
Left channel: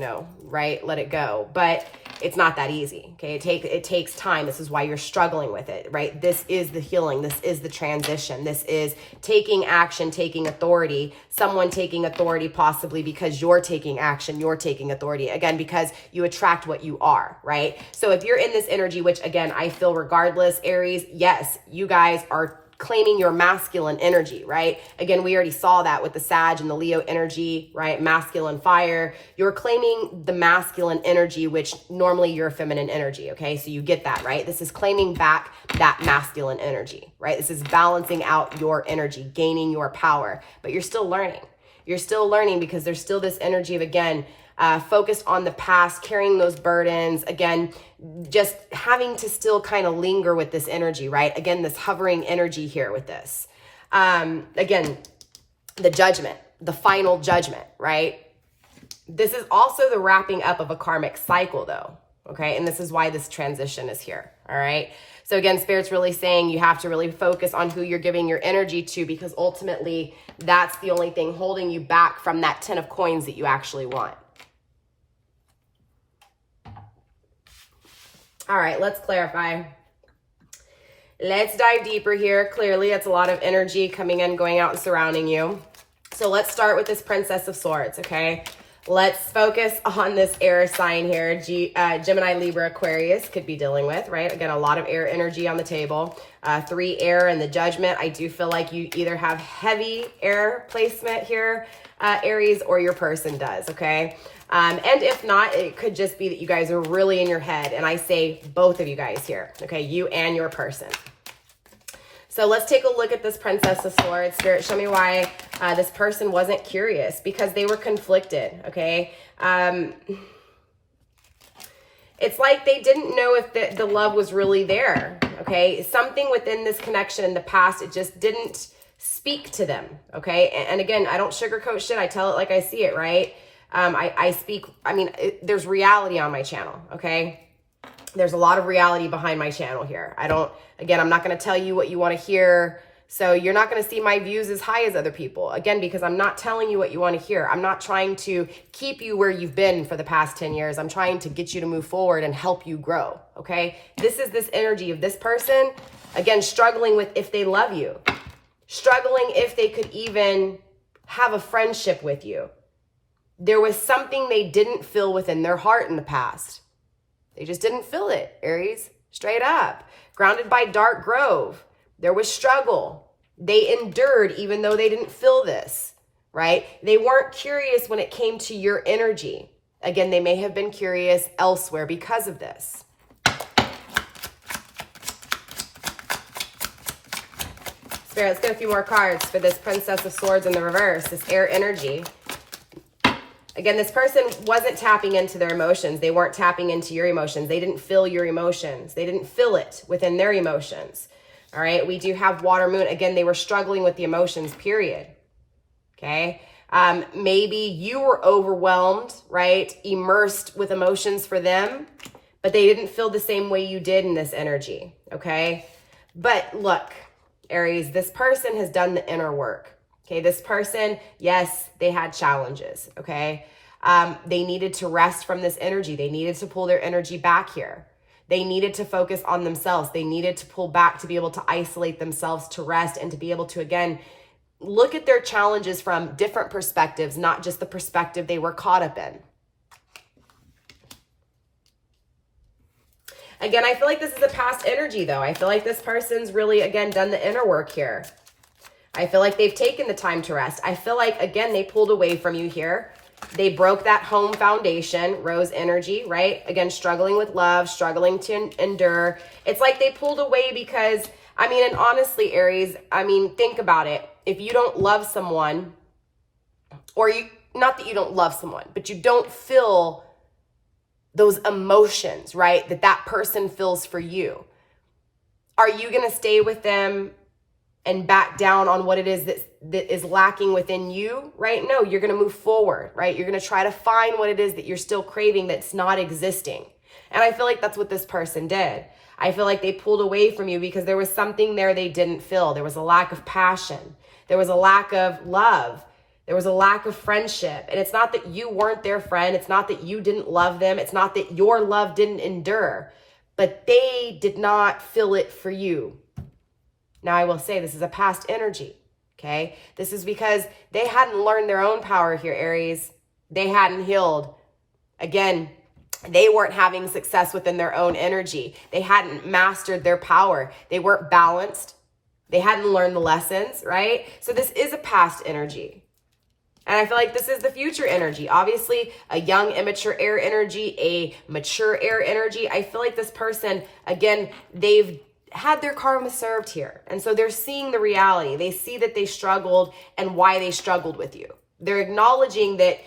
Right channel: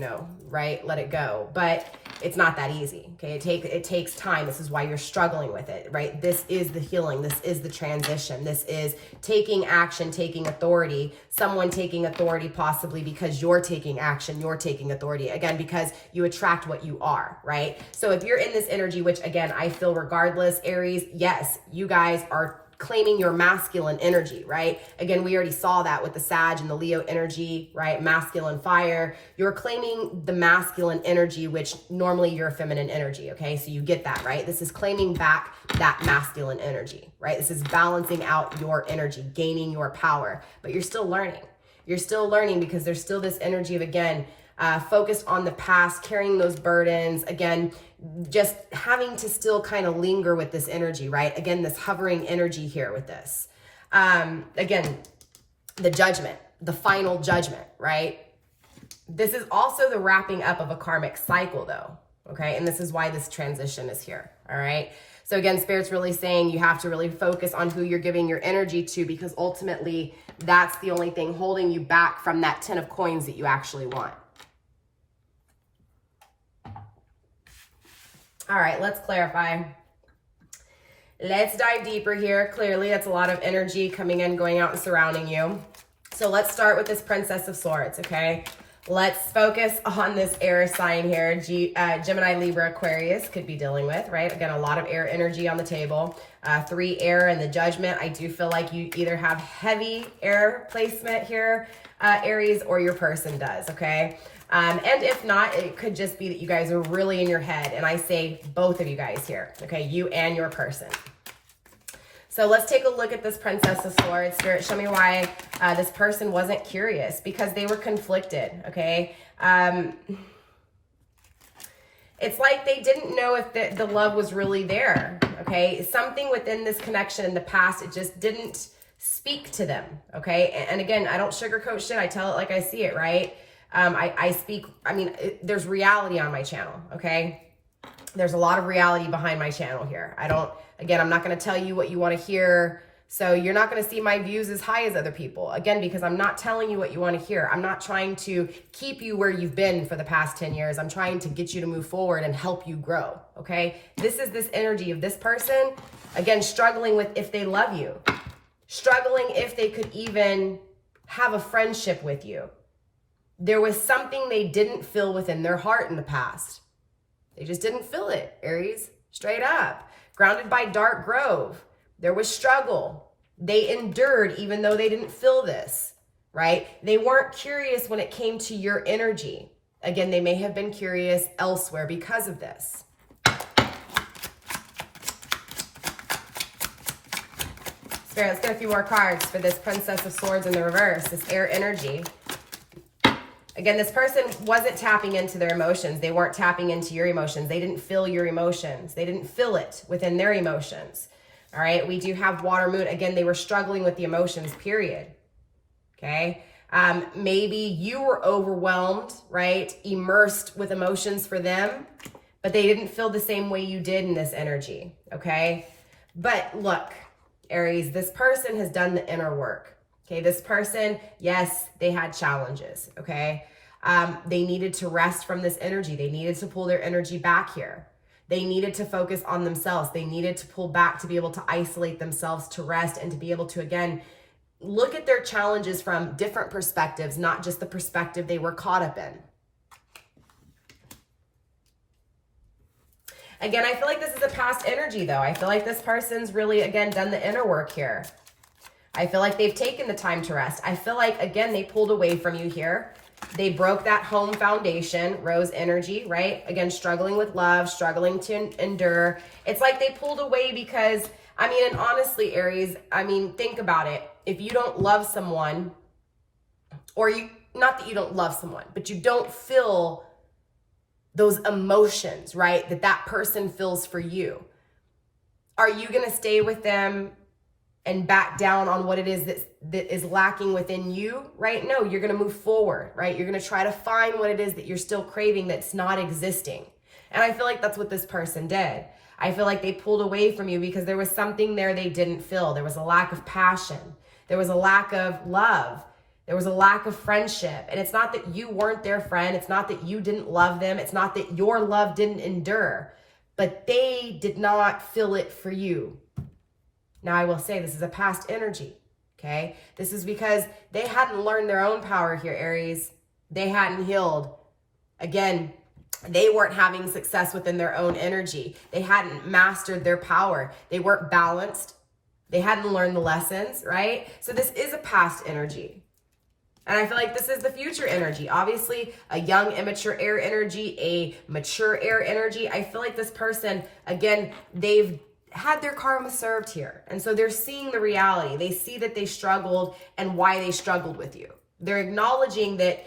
right? Let it go. But it's not that easy, okay? It takes time. This is why you're struggling with it, right? This is the healing. This is the transition. This is taking action, taking authority, someone taking authority possibly because you're taking action, you're taking authority. Again, because you attract what you are, right? So if you're in this energy, which again, I feel regardless, Aries, yes, you guys are claiming your masculine energy, right? Again, we already saw that with the Sag and the Leo energy, right? Masculine fire. You're claiming the masculine energy, which normally you're feminine energy, okay? So you get that, right? This is claiming back that masculine energy, right? This is balancing out your energy, gaining your power, but you're still learning. You're still learning because there's still this energy of, again, focused on the past, carrying those burdens, again, just having to still kind of linger with this energy, right? Again, this hovering energy here with this. Again, the judgment, the final judgment, right? This is also the wrapping up of a karmic cycle though, okay? And this is why this transition is here, all right? So again, Spirit's really saying you have to really focus on who you're giving your energy to because ultimately that's the only thing holding you back from that 10 of coins that you actually want. All right, let's clarify. Let's dive deeper here. Clearly, that's a lot of energy coming in, going out, and surrounding you. So let's start with this Princess of Swords, okay? Let's focus on this air sign here. Gemini, Libra, Aquarius could be dealing with, right? Again, a lot of air energy on the table. 3 air and the Judgment. I do feel like you either have heavy air placement here, Aries, or your person does, okay? And if not, it could just be that you guys are really in your head. And I say both of you guys here, okay? You and your person. So let's take a look at this Princess of Swords. Spirit, show me why this person wasn't curious, because they were conflicted, okay? It's like they didn't know if the love was really there, okay? Something within this connection in the past, it just didn't speak to them, okay? And again, I don't sugarcoat shit. I tell it like I see it, right? There's reality on my channel, okay? There's a lot of reality behind my channel here. I'm not going to tell you what you want to hear. So you're not going to see my views as high as other people. Again, because I'm not telling you what you want to hear. I'm not trying to keep you where you've been for the past 10 years. I'm trying to get you to move forward and help you grow, okay? This is this energy of this person, again, struggling with if they love you. Struggling if they could even have a friendship with you. There was something they didn't feel within their heart in the past. They just didn't feel it, Aries, straight up. Grounded by dark grove. There was struggle. They endured even though they didn't feel this, right? They weren't curious when it came to your energy. Again, they may have been curious elsewhere because of this. Spirit, let's get a few more cards for this Princess of Swords in the reverse, this air energy. Again, this person wasn't tapping into their emotions. They weren't tapping into your emotions. They didn't feel your emotions. They didn't feel it within their emotions. All right, we do have water moon. Again, they were struggling with the emotions, period. Okay, maybe you were overwhelmed, right? Immersed with emotions for them, but they didn't feel the same way you did in this energy, okay? But look, Aries, this person has done the inner work. Okay, this person, yes, they had challenges, okay? They needed to rest from this energy. They needed to pull their energy back here. They needed to focus on themselves. They needed to pull back to be able to isolate themselves, to rest, and to be able to, again, look at their challenges from different perspectives, not just the perspective they were caught up in. Again, I feel like this is a past energy, though. I feel like this person's really, again, done the inner work here. I feel like they've taken the time to rest. I feel like, again, they pulled away from you here. They broke that home foundation, rose energy, right? Again, struggling with love, struggling to endure. It's like they pulled away because, I mean, and honestly, Aries, I mean, think about it. If you don't love someone, or you, not that you don't love someone, but you don't feel those emotions, right? That person feels for you. Are you going to stay with them and back down on what it is that is lacking within you, right? No, you're going to move forward, right? You're going to try to find what it is that you're still craving that's not existing. And I feel like that's what this person did. I feel like they pulled away from you because there was something there they didn't feel. There was a lack of passion. There was a lack of love. There was a lack of friendship. And it's not that you weren't their friend. It's not that you didn't love them. It's not that your love didn't endure, but they did not feel it for you. Now, I will say this is a past energy, okay? This is because they hadn't learned their own power here, Aries. They hadn't healed. Again, they weren't having success within their own energy. They hadn't mastered their power. They weren't balanced. They hadn't learned the lessons, right? So this is a past energy. And I feel like this is the future energy. Obviously, a young, immature air energy, a mature air energy. I feel like this person, again, they've had their karma served here. And so they're seeing the reality. They see that they struggled and why they struggled with you. They're acknowledging that,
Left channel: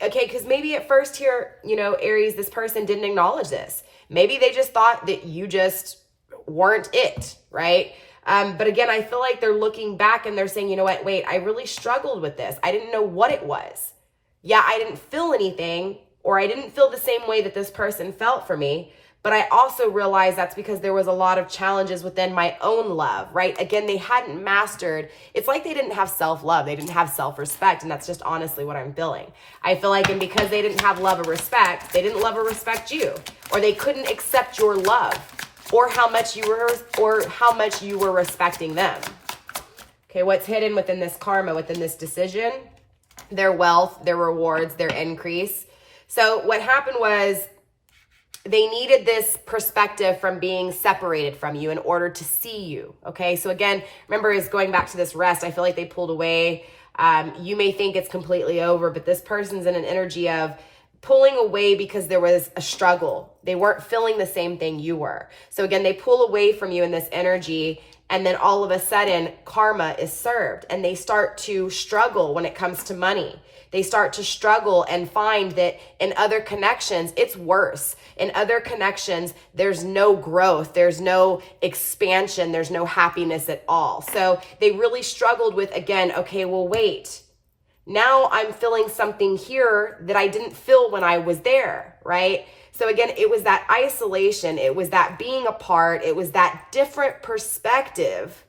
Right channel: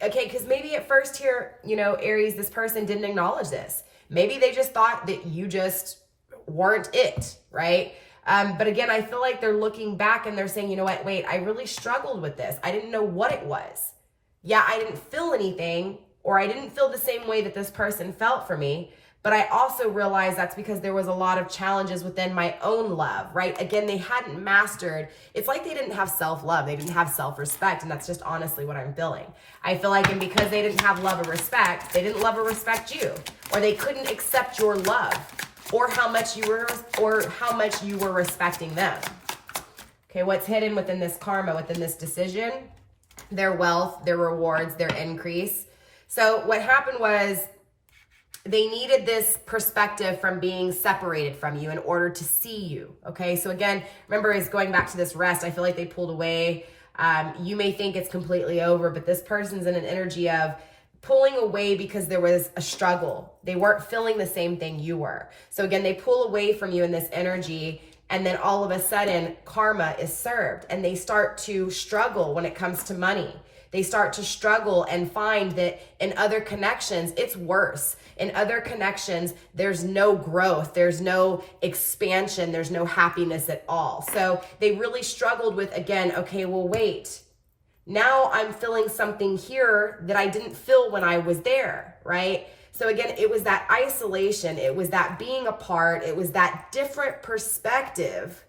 okay, because maybe at first here, you know, Aries, this person didn't acknowledge this. Maybe they just thought that you just weren't it, right? But again, I feel like they're looking back and they're saying, you know what, wait, I really struggled with this. I didn't know what it was. Yeah, I didn't feel anything, or I didn't feel the same way that this person felt for me. But I also realized that's because there was a lot of challenges within my own love, right? Again, they hadn't mastered. It's like they didn't have self-love. They didn't have self-respect. And that's just honestly what I'm feeling. I feel like, and because they didn't have love or respect, they didn't love or respect you, or they couldn't accept your love, or how much you were respecting them. Okay, what's hidden within this karma, within this decision? Their wealth, their rewards, their increase. So what happened was, they needed this perspective from being separated from you in order to see you, okay? So again, remember, is going back to this rest, I feel like they pulled away. You may think it's completely over, but this person's in an energy of pulling away because there was a struggle. They weren't feeling the same thing you were. So again, they pull away from you in this energy, and then all of a sudden, karma is served, and they start to struggle when it comes to money. They start to struggle and find that in other connections, it's worse. In other connections, there's no growth, there's no expansion, there's no happiness at all. So they really struggled with, again, okay, well, wait. Now I'm feeling something here that I didn't feel when I was there, right? So again, it was that isolation, it was that being apart, it was that different perspective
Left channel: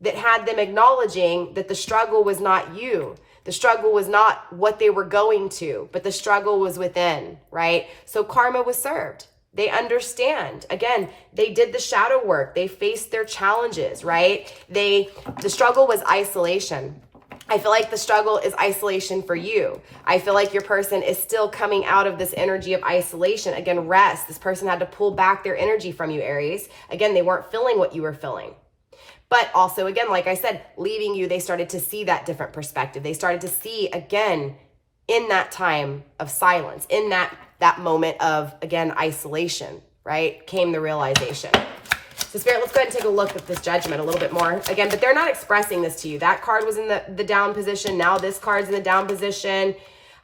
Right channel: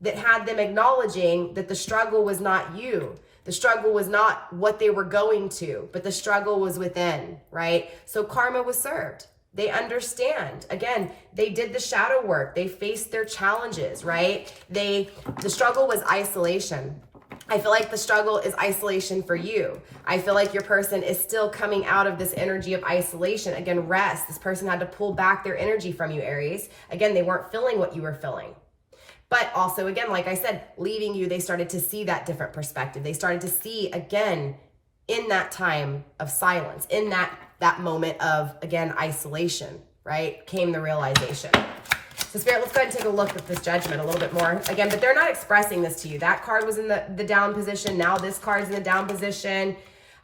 that had them acknowledging that the struggle was not you. The struggle was not what they were going to, but the struggle was within, right? So karma was served. They understand. Again, they did the shadow work. They faced their challenges, right? The struggle was isolation. I feel like the struggle is isolation for you. I feel like your person is still coming out of this energy of isolation. Again, rest. This person had to pull back their energy from you, Aries. Again, they weren't feeling what you were feeling. But also, again, like I said, leaving you, they started to see that different perspective. They started to see, again, in that time of silence, in that moment of, again, isolation, right, came the realization. So Spirit, let's go ahead and take a look at this Judgment a little bit more. Again, but they're not expressing this to you. That card was in the down position. Now this card's in the down position.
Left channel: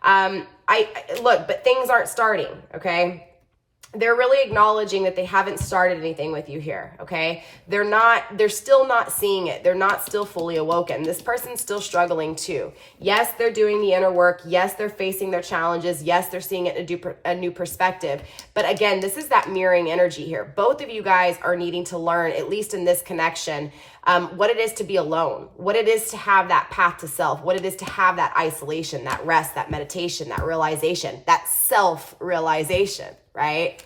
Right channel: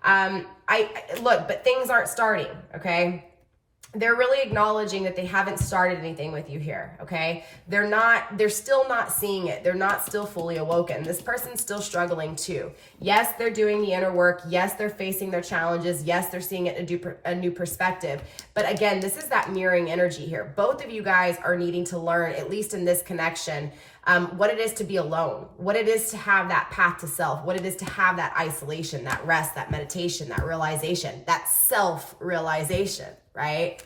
Look, but things aren't starting, okay? They're really acknowledging that they haven't started anything with you here, okay? They're still not seeing it. They're not still fully awoken. This person's still struggling too. Yes, they're doing the inner work. Yes, they're facing their challenges. Yes, they're seeing it in a new perspective. But again, this is that mirroring energy here. Both of you guys are needing to learn, at least in this connection, what it is to be alone, what it is to have that path to self, what it is to have that isolation, that rest, that meditation, that realization, that self-realization, right?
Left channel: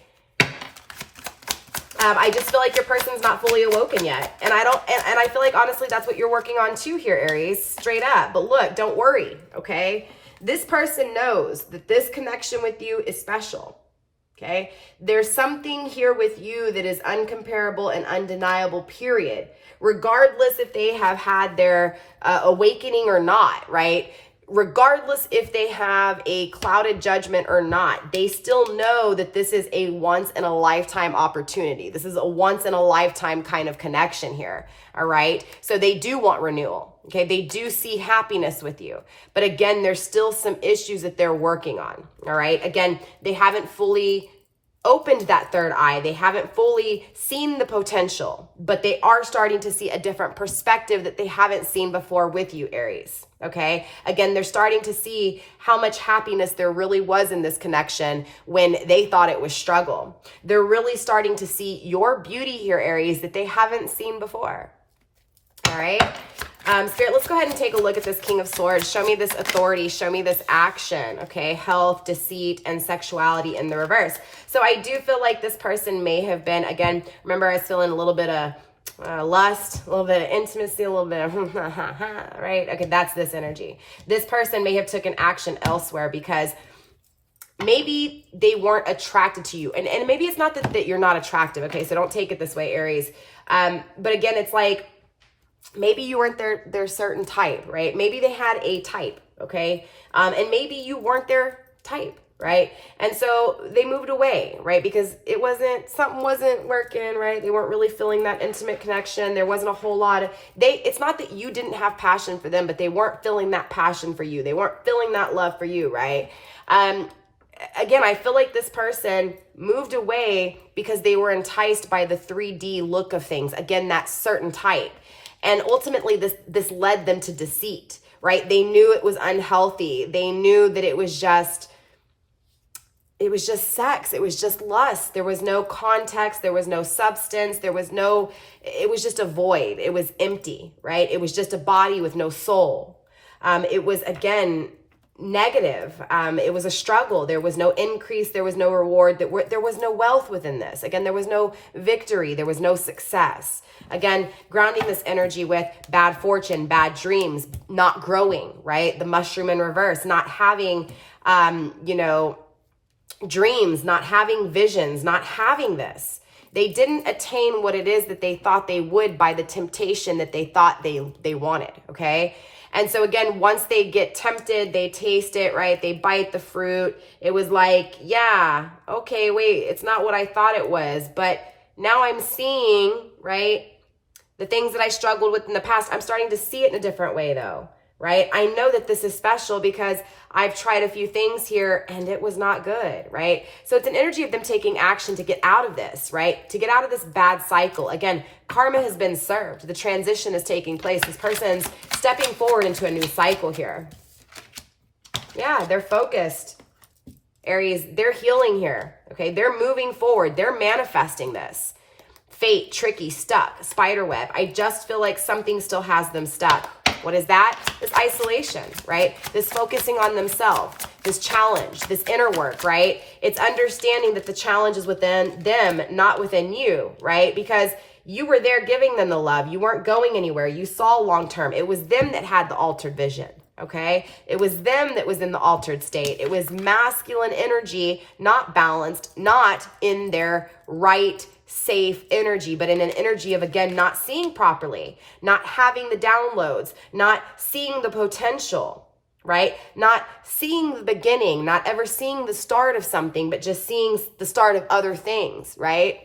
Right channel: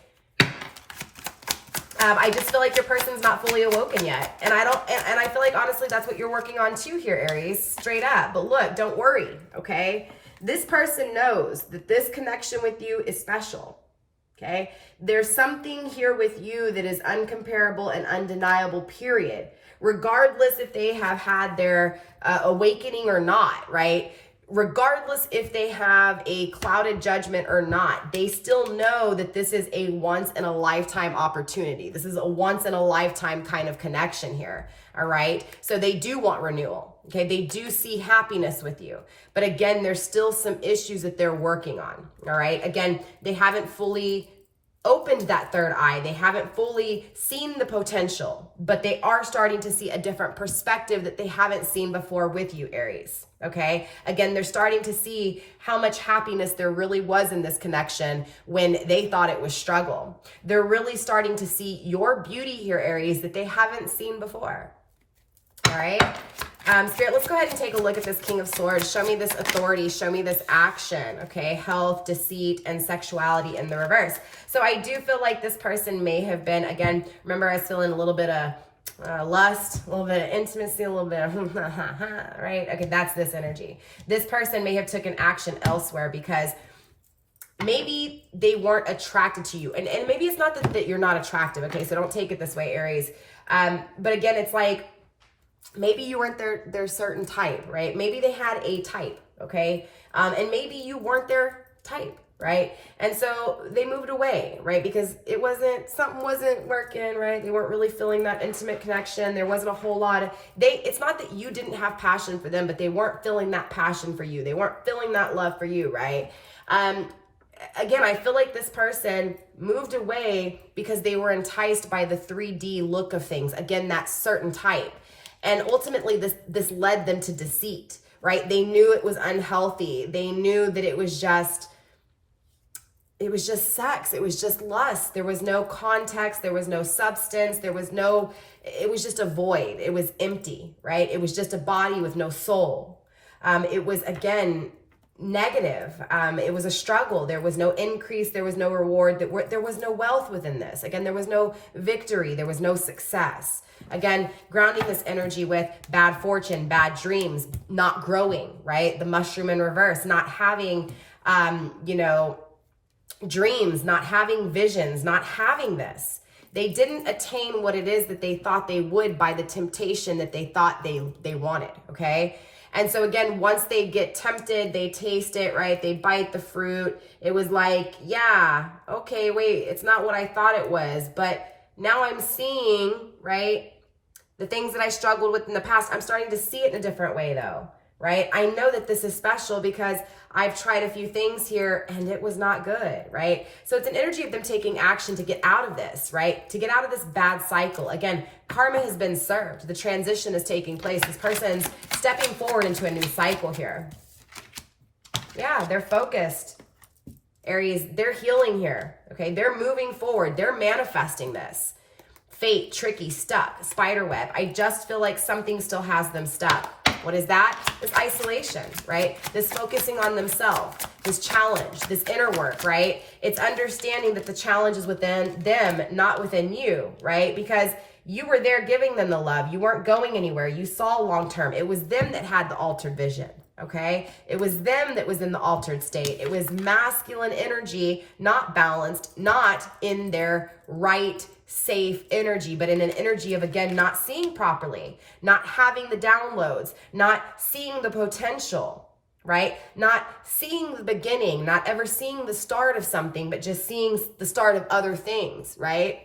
I just feel like your person's not fully awoken yet. And I feel like, honestly, that's what you're working on too here, Aries, straight up. But look, don't worry, okay? This person knows that this connection with you is special, okay? There's something here with you that is uncomparable and undeniable, period. Regardless if they have had their awakening or not, right? Regardless if they have a clouded judgment or not, they still know that this is a once in a lifetime opportunity. This is a once in a lifetime kind of connection here. All right. So they do want renewal. Okay. They do see happiness with you. But again, there's still some issues that they're working on. All right. Again, they haven't fully opened that third eye. They haven't fully seen the potential, but they are starting to see a different perspective that they haven't seen before with you, Aries. Okay. Again, they're starting to see how much happiness there really was in this connection when they thought it was struggle. They're really starting to see your beauty here, Aries, that they haven't seen before. All right. Spirit, let's go ahead and take a look at this King of Swords. Show me this authority. Show me this action. Okay. Health, deceit, and sexuality in the reverse. So I do feel like this person may have been, again, remember I was feeling a little bit of lust, a little bit of intimacy, a little bit of right? Okay, that's this energy. This person may have taken action elsewhere because maybe they weren't attracted to you. And maybe it's not that you're not attractive, okay? So don't take it this way, Aries. But again, it's like maybe you weren't their certain type, right? Maybe they had a type, okay? And maybe you weren't their type. Right? And so they moved away, right? Because something wasn't working, right? They weren't really feeling that intimate connection. There wasn't a whole lot of, it's not that you didn't have passion for them, but they weren't feeling that passion for you. They weren't feeling that love for you, right? Again, I feel like this person moved away because they were enticed by the 3D look of things. Again, that certain type. And ultimately this led them to deceit, right? They knew it was unhealthy. They knew that it was just sex. It was just lust. There was no context. There was no substance. It was just a void. It was empty, right? It was just a body with no soul. It was, again, negative. It was a struggle. There was no increase. There was no reward. There was no wealth within this. Again, there was no victory. There was no success. Again, grounding this energy with bad fortune, bad dreams, not growing, right? The mushroom in reverse, not having, dreams, not having visions, not having this. They didn't attain what it is that they thought they would by the temptation that they thought they wanted, okay? And so again, once they get tempted, they taste it, right? They bite the fruit. It was like, yeah, okay, wait, it's not what I thought it was, but now I'm seeing, right? The things that I struggled with in the past, I'm starting to see it in a different way though, right? I know that this is special because I've tried a few things here and it was not good, right? So it's an energy of them taking action to get out of this, right? To get out of this bad cycle. Again, karma has been served. The transition is taking place. This person's stepping forward into a new cycle here. Yeah, they're focused. Aries, they're healing here, okay? They're moving forward. They're manifesting this. Fate, tricky, stuck, spiderweb. I just feel like something still has them stuck. What is that? This isolation, right? This focusing on themselves, this challenge, this inner work, right? It's understanding that the challenge is within them, not within you, right? Because you were there giving them the love. You weren't going anywhere. You saw long-term. It was them that had the altered vision. Okay. It was them that was in the altered state. It was masculine energy, not balanced, not in their right, safe energy, but in an energy of, again, not seeing properly, not having the downloads, not seeing the potential, right? Not seeing the beginning, not ever seeing the start of something, but just seeing the start of other things, right?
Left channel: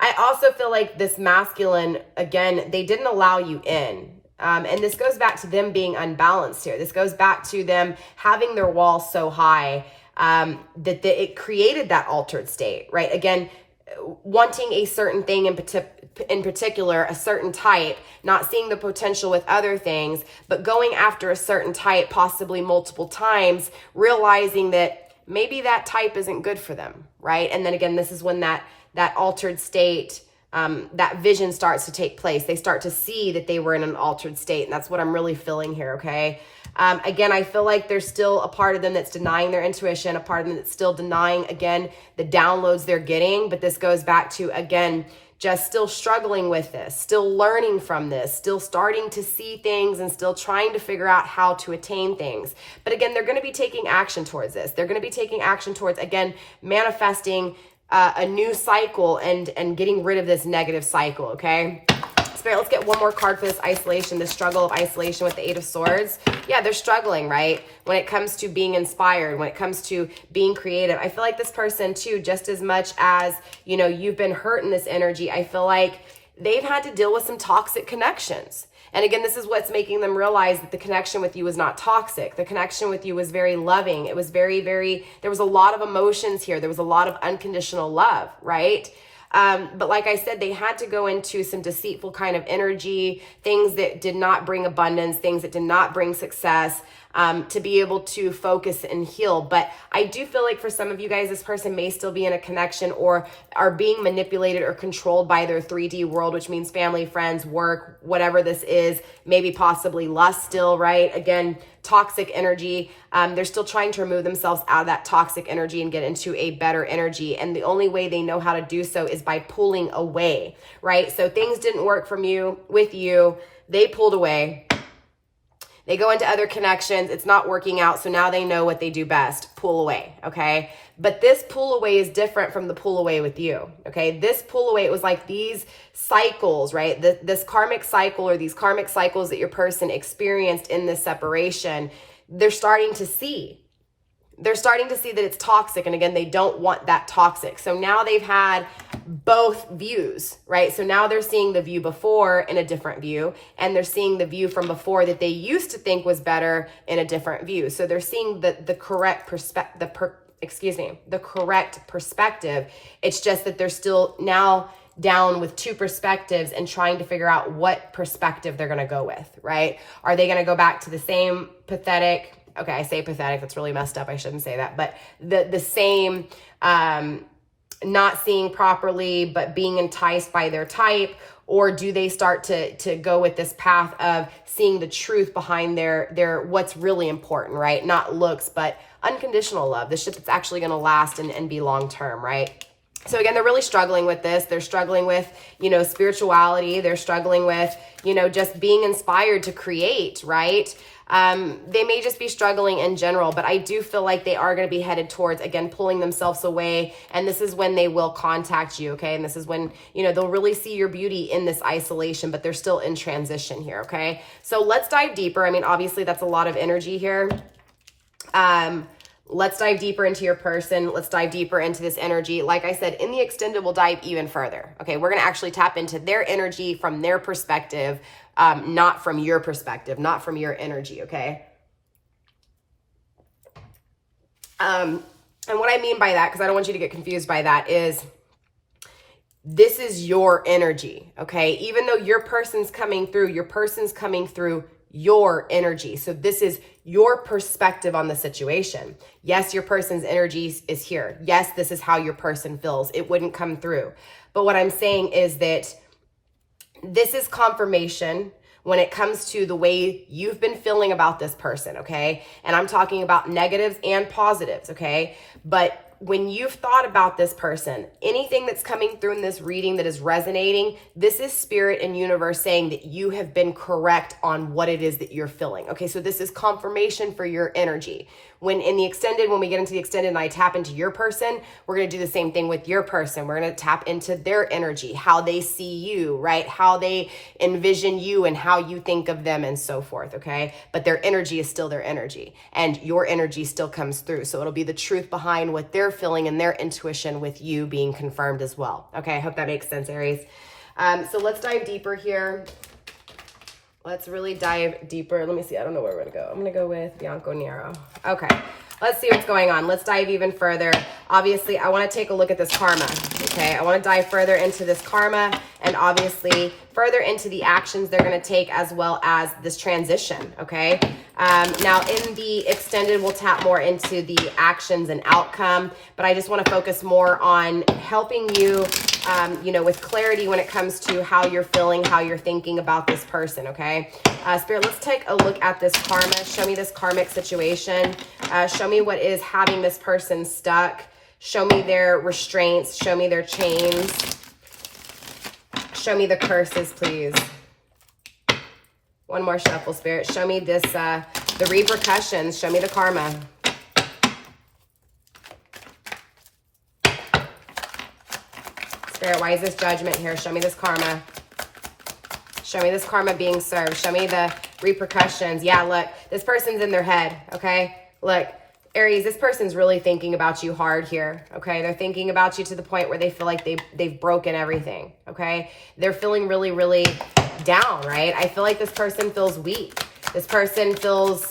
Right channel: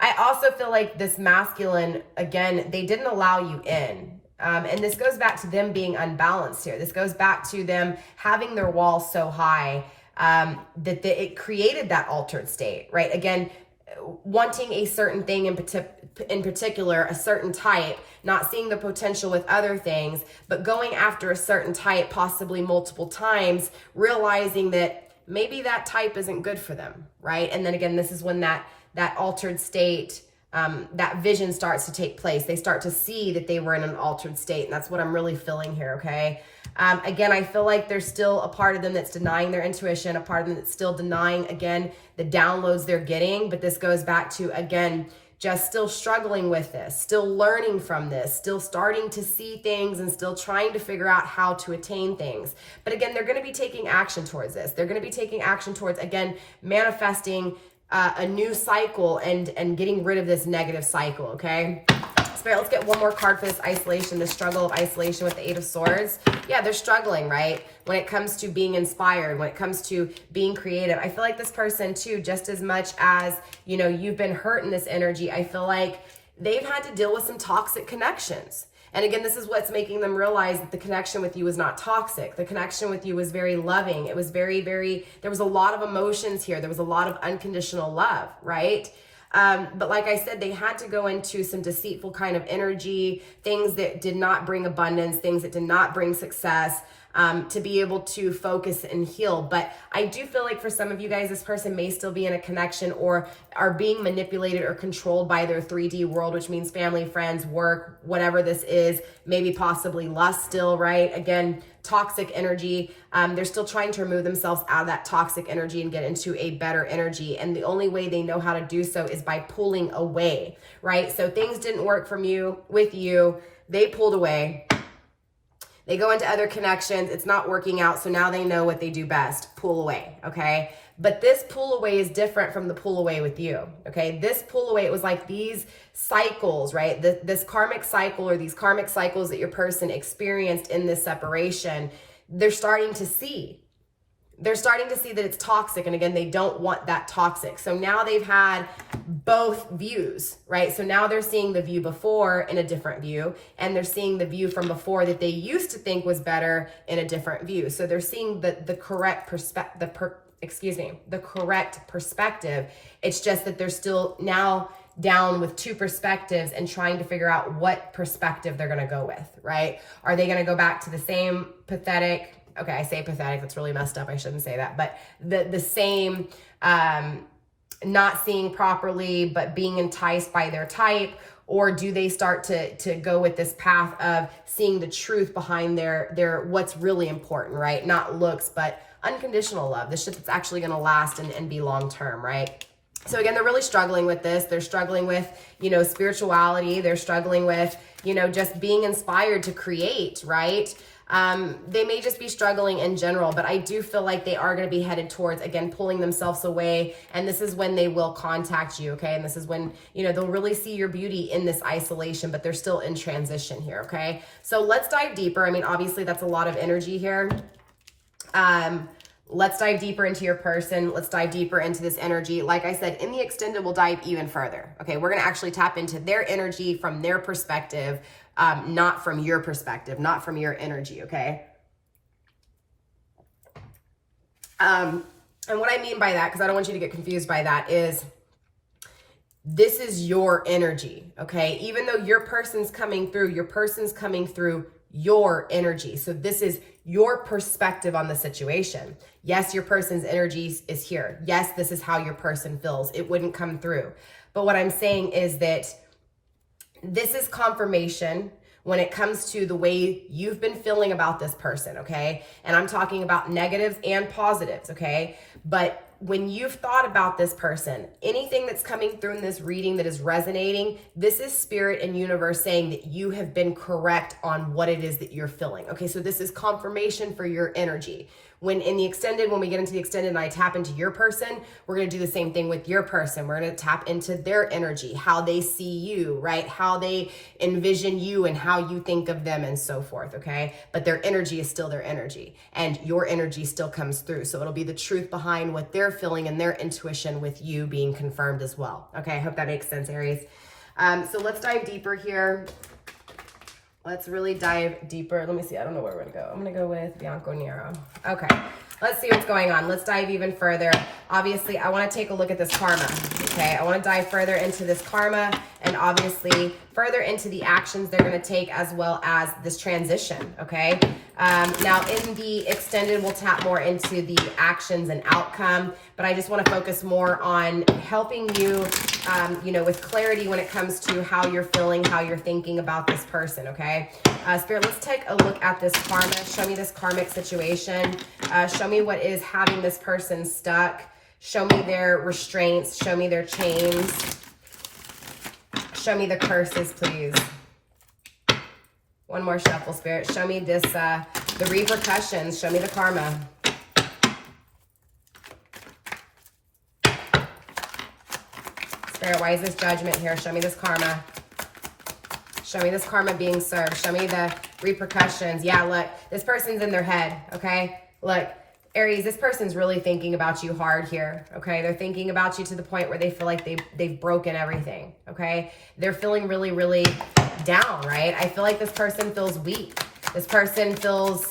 I also feel like this masculine, again, they didn't allow you in. And this goes back to them being unbalanced here. This goes back to them having their wall so high that it created that altered state, right? Again, wanting a certain thing in particular, a certain type, not seeing the potential with other things, but going after a certain type possibly multiple times, realizing that maybe that type isn't good for them, right? And then again, this is when that altered state, that vision starts to take place. They start to see that they were in an altered state. And that's what I'm really feeling here, okay? Again, I feel like there's still a part of them that's denying their intuition, a part of them that's still denying, again, the downloads they're getting. But this goes back to, again, just still struggling with this, still learning from this, still starting to see things and still trying to figure out how to attain things. But again, they're going to be taking action towards this. They're going to be taking action towards, again, manifesting a new cycle and getting rid of this negative cycle, okay? Spirit, let's get one more card for this isolation, the struggle of isolation with the Eight of Swords. Yeah, they're struggling, right? When it comes to being inspired, when it comes to being creative. I feel like this person too, just as much as, you know, you've been hurt in this energy, I feel like they've had to deal with some toxic connections. And again, this is what's making them realize that the connection with you was not toxic. The connection with you was very loving. It was very, there was a lot of emotions here. There was a lot of unconditional love, right? But like I said, they had to go into some deceitful kind of energy, things that did not bring abundance, things that did not bring success, to be able to focus and heal. But I do feel like for some of you guys, this person may still be in a connection or are being manipulated or controlled by their 3D world, which means family, friends, work, whatever this is, maybe possibly lust still, right? Again, toxic energy. They're still trying to remove themselves out of that toxic energy and get into a better energy. And the only way they know how to do so is by pulling away, right? So things didn't work with you. They pulled away. They go into other connections. It's not working out. So now they know what they do best. Pull away. Okay. But this pull away is different from the pull away with you. Okay. This pull away, it was like these cycles, right? This karmic cycle or these karmic cycles that your person experienced in this separation, they're starting to see. They're starting to see that it's toxic. And again, they don't want that toxic. So now they've had both views, right? So now they're seeing the view before in a different view, and they're seeing the view from before that they used to think was better in a different view. So they're seeing the correct perspective, the correct perspective. It's just that they're still now down with two perspectives and trying to figure out what perspective they're going to go with, right? Are they going to go back to the same pathetic, okay, I say pathetic, that's really messed up, I shouldn't say that, but the same, not seeing properly, but being enticed by their type? Or do they start to go with this path of seeing the truth behind their what's really important, right? Not looks, but unconditional love, the shit that's actually going to last and be long-term, right? So again, they're really struggling with this. They're struggling with, you know, spirituality. They're struggling with, you know, just being inspired to create, right? They may just be struggling in general, but I do feel like they are going to be headed towards, again, pulling themselves away. And this is when they will contact you, okay? And this is when, you know, they'll really see your beauty in this isolation, but they're still in transition here, okay? So let's dive deeper. I mean, obviously that's a lot of energy here. Let's dive deeper into your person. Let's dive deeper into this energy. Like I said, in the extended, we'll dive even further. Okay, we're going to actually tap into their energy from their perspective, not from your perspective, not from your energy, okay? And what I mean by that, because I don't want you to get confused by that, is this is your energy, okay? Even though your person's coming through your energy. So this is your perspective on the situation. Yes, your person's energy is here. Yes, this is how your person feels. It wouldn't come through. But what I'm saying is that this is confirmation when it comes to the way you've been feeling about this person, okay? And I'm talking about negatives and positives, okay? But when you've thought about this person, anything that's coming through in this reading that is resonating, this is spirit and universe saying that you have been correct on what it is that you're feeling. Okay, so this is confirmation for your energy. When we get into the extended and I tap into your person, we're going to do the same thing with your person. We're going to tap into their energy, how they see you, right? How they envision you and how you think of them and so forth, okay? But their energy is still their energy and your energy still comes through. So it'll be the truth behind what they're feeling and their intuition with you being confirmed as well. Okay, I hope that makes sense, Aries. So let's dive deeper here. Let's really dive deeper. Let me see. I don't know where we're going to go. I'm going to go with Bianco Nero. Okay. Let's see what's going on. Let's dive even further. Obviously, I want to take a look at this karma. Okay. I want to dive further into this karma and obviously further into the actions they're going to take as well as this transition. Okay. Now in the extended, we'll tap more into the actions and outcome, but I just want to focus more on helping you, with clarity when it comes to how you're feeling, how you're thinking about this person. Okay. Spirit, let's take a look at this karma. Show me this karmic situation. Show me what is having this person stuck. Show me their restraints. Show me their chains. Show me the curses, please. One more shuffle, Spirit. Show me this, the repercussions. Show me the karma. Spirit, why is this judgment here? Show me this karma. Show me this karma being served. Show me the repercussions. Yeah, look, this person's in their head, okay? Look, Aries, this person's really thinking about you hard here, okay? They're thinking about you to the point where they feel like they've broken everything, okay? They're feeling really, really down, right? I feel like this person feels weak. This person feels,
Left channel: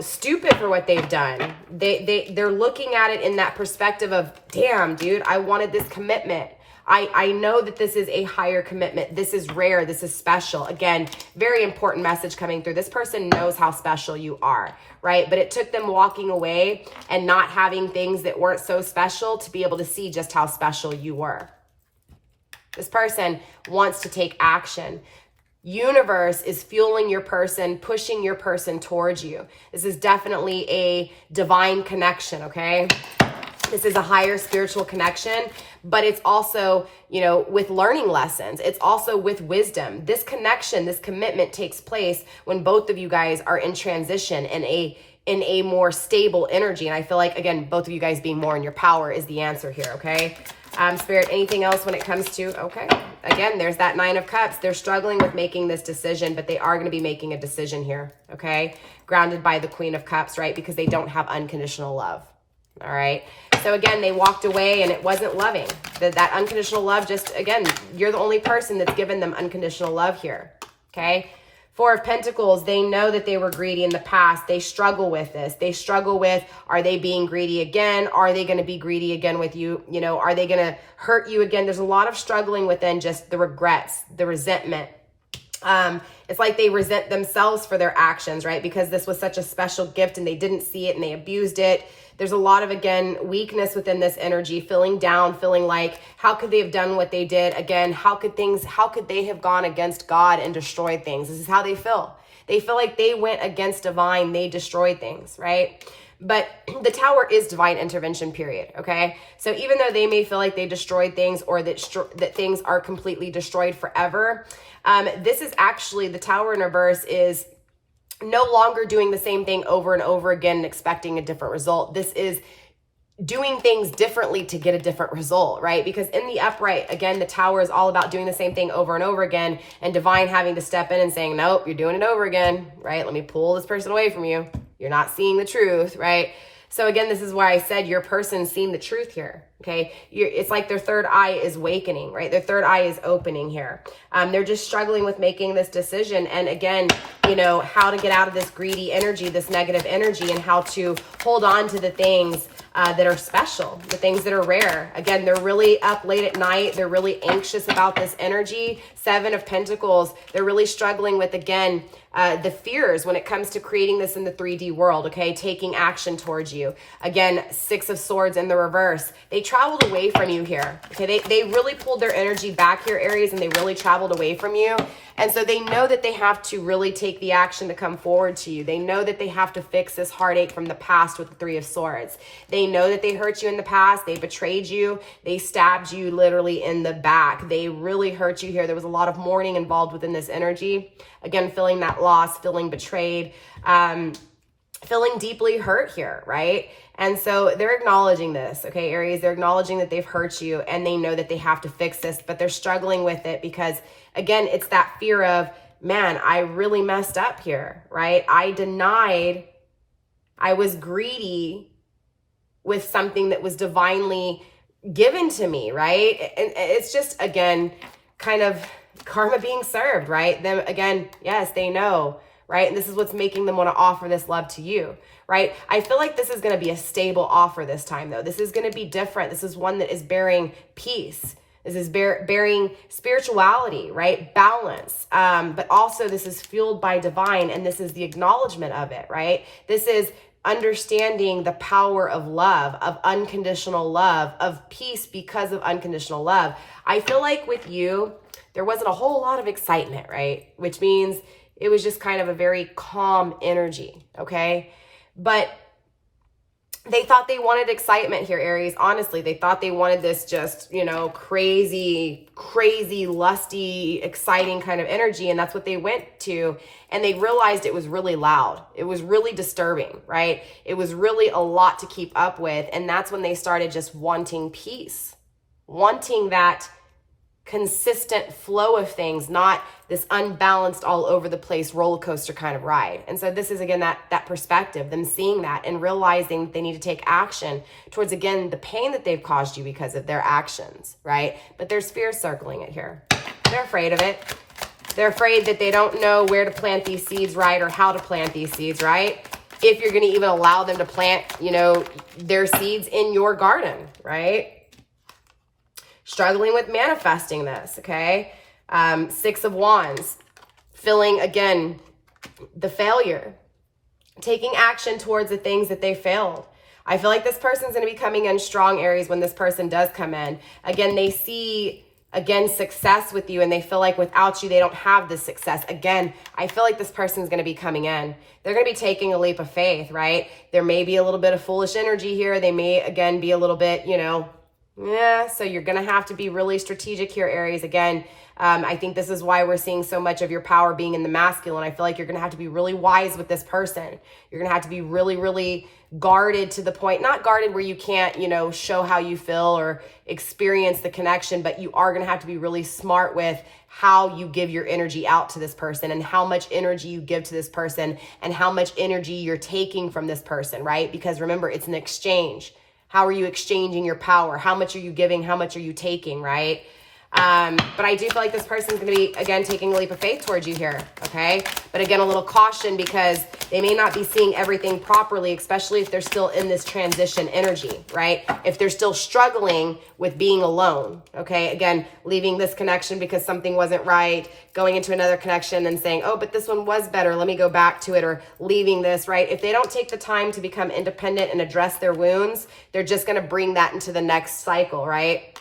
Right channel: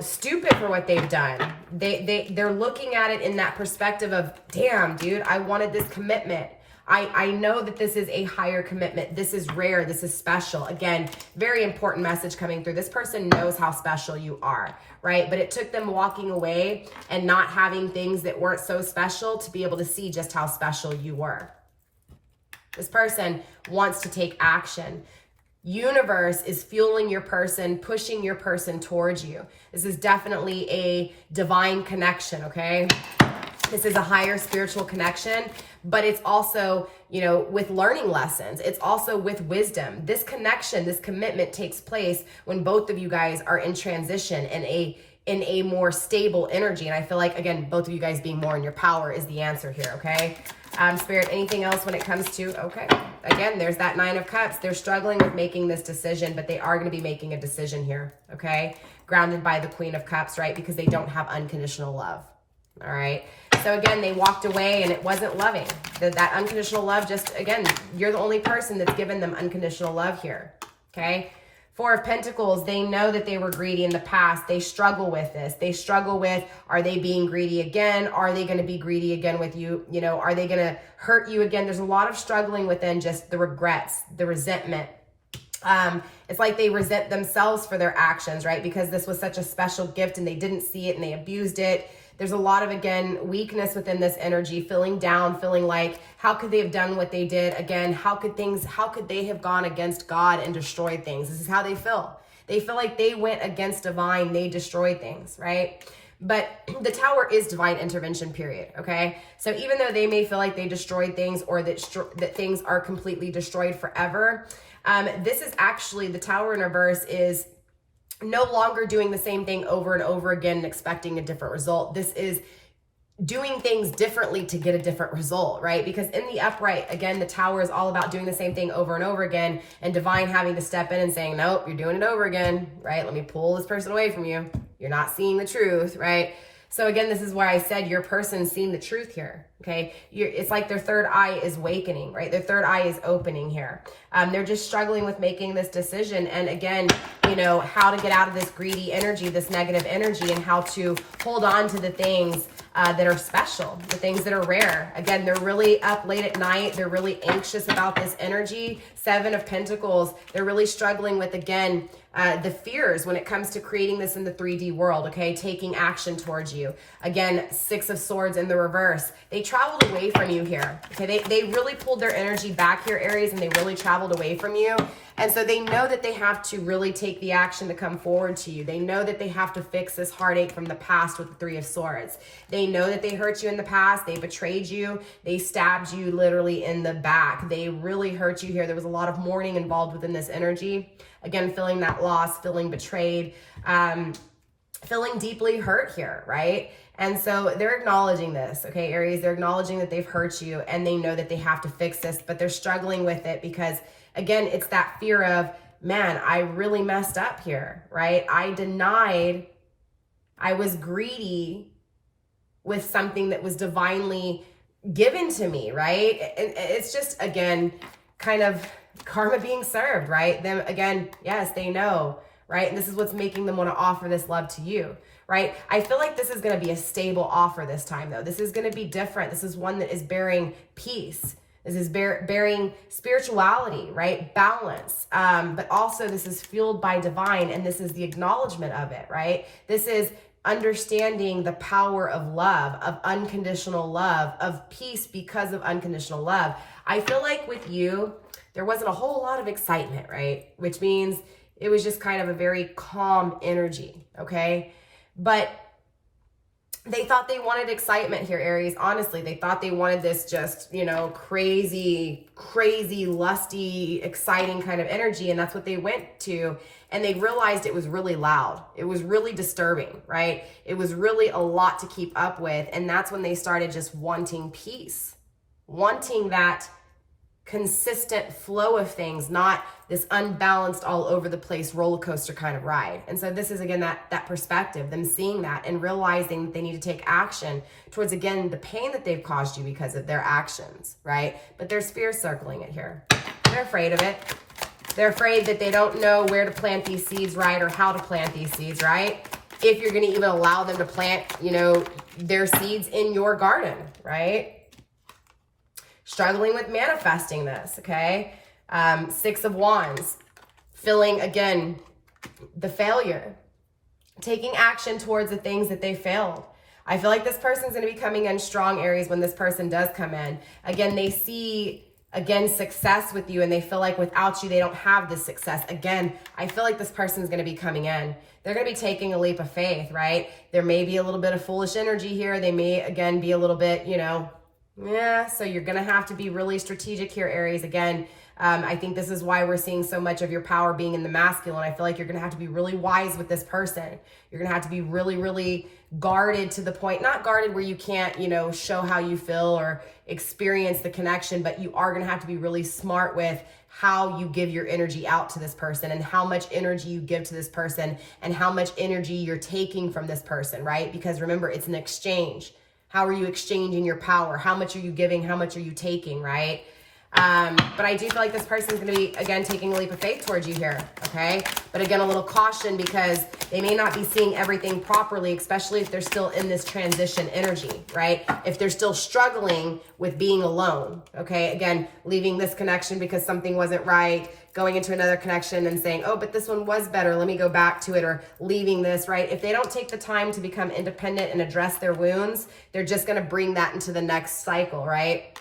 stupid for what they've done. They're looking at it in that perspective of, damn, dude, I wanted this commitment. I know that this is a higher commitment. This is rare. This is special. Again, very important message coming through. This person knows how special you are, right? But it took them walking away and not having things that weren't so special to be able to see just how special you were. This person wants to take action. Universe is fueling your person, pushing your person towards you. This is definitely a divine connection, okay? This is a higher spiritual connection, but it's also, with learning lessons. It's also with wisdom. This connection, this commitment takes place when both of you guys are in transition in a more stable energy. And I feel like, again, both of you guys being more in your power is the answer here, okay? Spirit, anything else when it comes to, okay. Again, there's that Nine of Cups. They're struggling with making this decision, but they are going to be making a decision here, okay? Grounded by the Queen of Cups, right? Because they don't have unconditional love. All right. So again, they walked away and it wasn't loving. That unconditional love, just again, you're the only person that's given them unconditional love here. Okay. Four of Pentacles, they know that they were greedy in the past. They struggle with this. They struggle with, are they being greedy again? Are they going to be greedy again with you? Are they going to hurt you again? There's a lot of struggling within just the regrets, the resentment. It's like they resent themselves for their actions, right? Because this was such a special gift and they didn't see it and they abused it. There's a lot of, again, weakness within this energy, feeling down, feeling like, how could they have done what they did? Again, how could they have gone against God and destroyed things? This is how they feel. They feel like they went against divine, they destroyed things, right? But the Tower is divine intervention, period, okay? So even though they may feel like they destroyed things or that things are completely destroyed forever, this is actually, the Tower in reverse is no longer doing the same thing over and over again and expecting a different result. This is doing things differently to get a different result, right? Because in the upright, again, the Tower is all about doing the same thing over and over again, and divine having to step in and saying, nope, you're doing it over again, right? Let me pull this person away from you. You're not seeing the truth, right? So again, this is why I said your person's seeing the truth here, okay? It's like their third eye is awakening, right? Their third eye is opening here. They're just struggling with making this decision. And again, how to get out of this greedy energy, this negative energy, and how to hold on to the things that are special, the things that are rare. Again, they're really up late at night. They're really anxious about this energy. Seven of Pentacles, they're really struggling with, again, the fears when it comes to creating this in the 3D world, okay? Taking action towards you. Again, Six of Swords in the reverse. They traveled away from you here, okay? They really pulled their energy back here, Aries, and they really traveled away from you. And so they know that they have to really take the action to come forward to you. They know that they have to fix this heartache from the past with the Three of Swords. They know that they hurt you in the past. They betrayed you. They stabbed you literally in the back. They really hurt you here. There was a lot of mourning involved within this energy. Again, feeling that loss, feeling betrayed, feeling deeply hurt here, right? And so they're acknowledging this, okay, Aries? They're acknowledging that they've hurt you and they know that they have to fix this, but they're struggling with it because, again, it's that fear of, man, I really messed up here, right? I denied, I was greedy with something that was divinely given to me, right? And it's just, again, kind of karma being served, right? Them, again, yes, they know, right? And this is what's making them want to offer this love to you, right? I feel like this is going to be a stable offer this time, though. This is going to be different. This is one that is bearing peace. This is bearing spirituality, right? Balance. But also this is fueled by divine, and this is the acknowledgement of it, right? This is understanding the power of love, of unconditional love, of peace because of unconditional love. I feel like with you, there wasn't a whole lot of excitement, right? Which means it was just kind of a very calm energy, okay? But they thought they wanted excitement here, Aries. Honestly, they thought they wanted this just, you know, crazy, lusty, exciting kind of energy. And that's what they went to. And they realized it was really loud. It was really disturbing, right? It was really a lot to keep up with. And that's when they started just wanting peace, wanting that consistent flow of things, not this unbalanced all over the place roller coaster kind of ride. And so this is, again, that perspective, them seeing that and realizing that they need to take action towards, again, the pain that they've caused you because of their actions, right? But there's fear circling it here. They're afraid of it. They're afraid that they don't know where to plant these seeds, right? Or how to plant these seeds, right? If you're going to even allow them to plant, you know, their seeds in your garden, right? Struggling with manifesting this, okay? 6 of Wands, feeling, again, the failure, taking action towards the things that they failed. I feel like this person's going to be coming in strong, Aries, when this person does come in. Again, they see, again, success with you, and they feel like without you, they don't have this success. Again, I feel like this person's going to be coming in. They're going to be taking a leap of faith, right? There may be a little bit of foolish energy here. They may, again, be a little bit, you know, yeah, so you're going to have to be really strategic here, Aries. Again, I think this is why we're seeing so much of your power being in the masculine. I feel like you're going to have to be really wise with this person. You're going to have to be really, really guarded to the point, not guarded where you can't, you know, show how you feel or experience the connection, but you are going to have to be really smart with how you give your energy out to this person and how much energy you give to this person and how much energy you're taking from this person, right? Because remember, it's an exchange. How are you exchanging your power? How much are you giving? How much are you taking, right? But I do feel like this person's going to be, again, taking a leap of faith towards you here, okay? But again, a little caution because they may not be seeing everything properly, especially if they're still in this transition energy, right? If they're still struggling with being alone, okay? Again, leaving this connection because something wasn't right, going into another connection and saying, oh, but this one was better, let me go back to it, or leaving this, right? If they don't take the time to become independent and address their wounds, they're just going to bring that into the next cycle, right?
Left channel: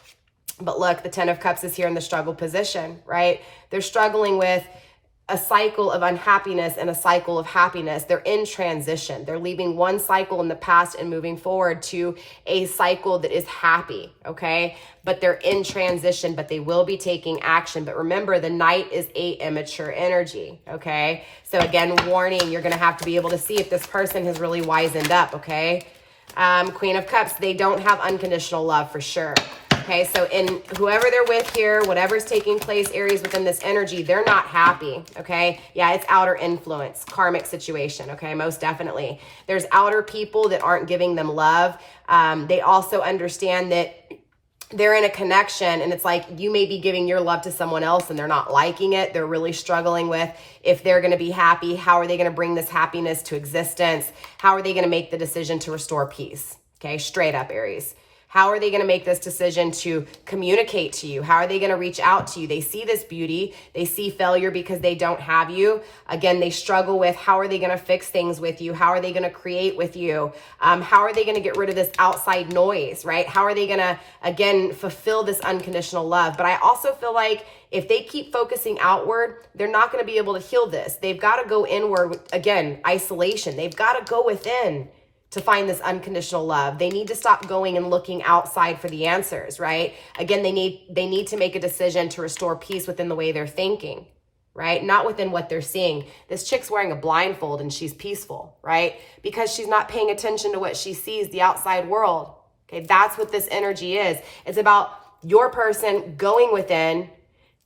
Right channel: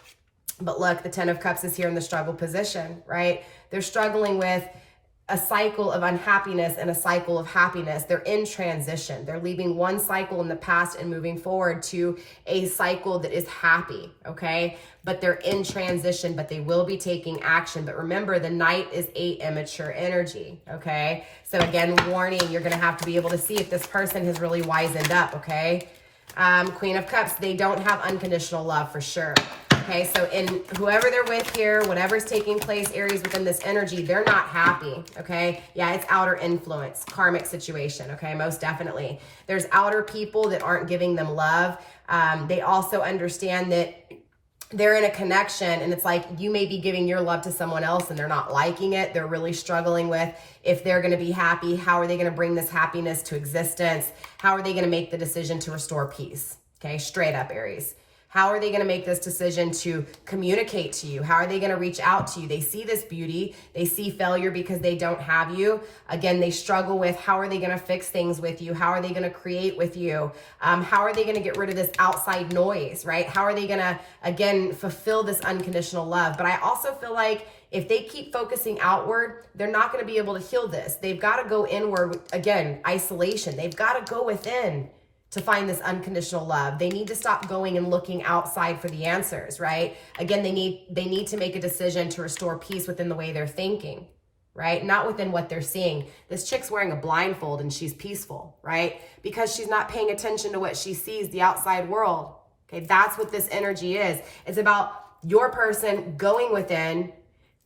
But look, the 10 of Cups is here in the struggle position, right? They're struggling with a cycle of unhappiness and a cycle of happiness. They're in transition. They're leaving one cycle in the past and moving forward to a cycle that is happy, okay? But they're in transition, but they will be taking action. But remember, the Knight is a immature energy, okay? So again, warning, you're gonna have to be able to see if this person has really wisened up, okay? Queen of Cups, they don't have unconditional love for sure. Okay, so in whoever they're with here, whatever's taking place, Aries, within this energy, they're not happy, okay? Yeah, it's outer influence, karmic situation, okay, most definitely. There's outer people that aren't giving them love. They also understand that they're in a connection and it's like you may be giving your love to someone else and they're not liking it. They're really struggling with if they're going to be happy. How are they going to bring this happiness to existence? How are they going to make the decision to restore peace? Okay, straight up, Aries. How are they going to make this decision to communicate to you? How are they going to reach out to you? They see this beauty. They see failure because they don't have you. Again, they struggle with how are they going to fix things with you? How are they going to create with you? How are they going to get rid of this outside noise, right? How are they going to, again, fulfill this unconditional love? But I also feel like if they keep focusing outward, they're not going to be able to heal this. They've got to go inward. Again, isolation. They've got to go within. to find this unconditional love. They need to stop going and looking outside for the answers, right? Again, they need to make a decision to restore peace within the way they're thinking, right? Not within what they're seeing. This chick's wearing a blindfold and she's peaceful, right? Because she's not paying attention to what she sees, the outside world. Okay, that's what this energy is. It's about your person going within,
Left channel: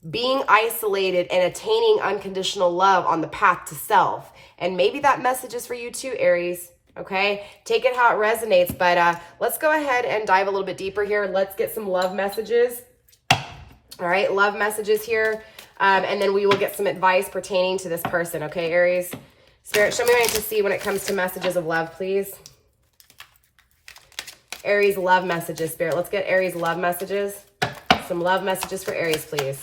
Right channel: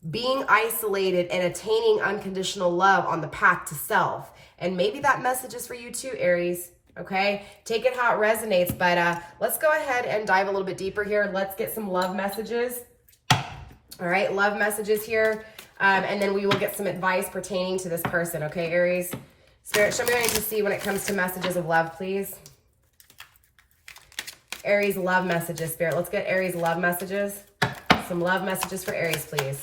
being isolated and attaining unconditional love on the path to self. And maybe that message is for you too, Aries. Okay, take it how it resonates, but let's go ahead and dive a little bit deeper here. Let's get some love messages. All right, love messages here, and then we will get some advice pertaining to this person. Okay, Aries, Spirit, show me what I need to see when it comes to messages of love, please. Aries love messages, Spirit. Let's get Aries love messages. Some love messages for Aries, please.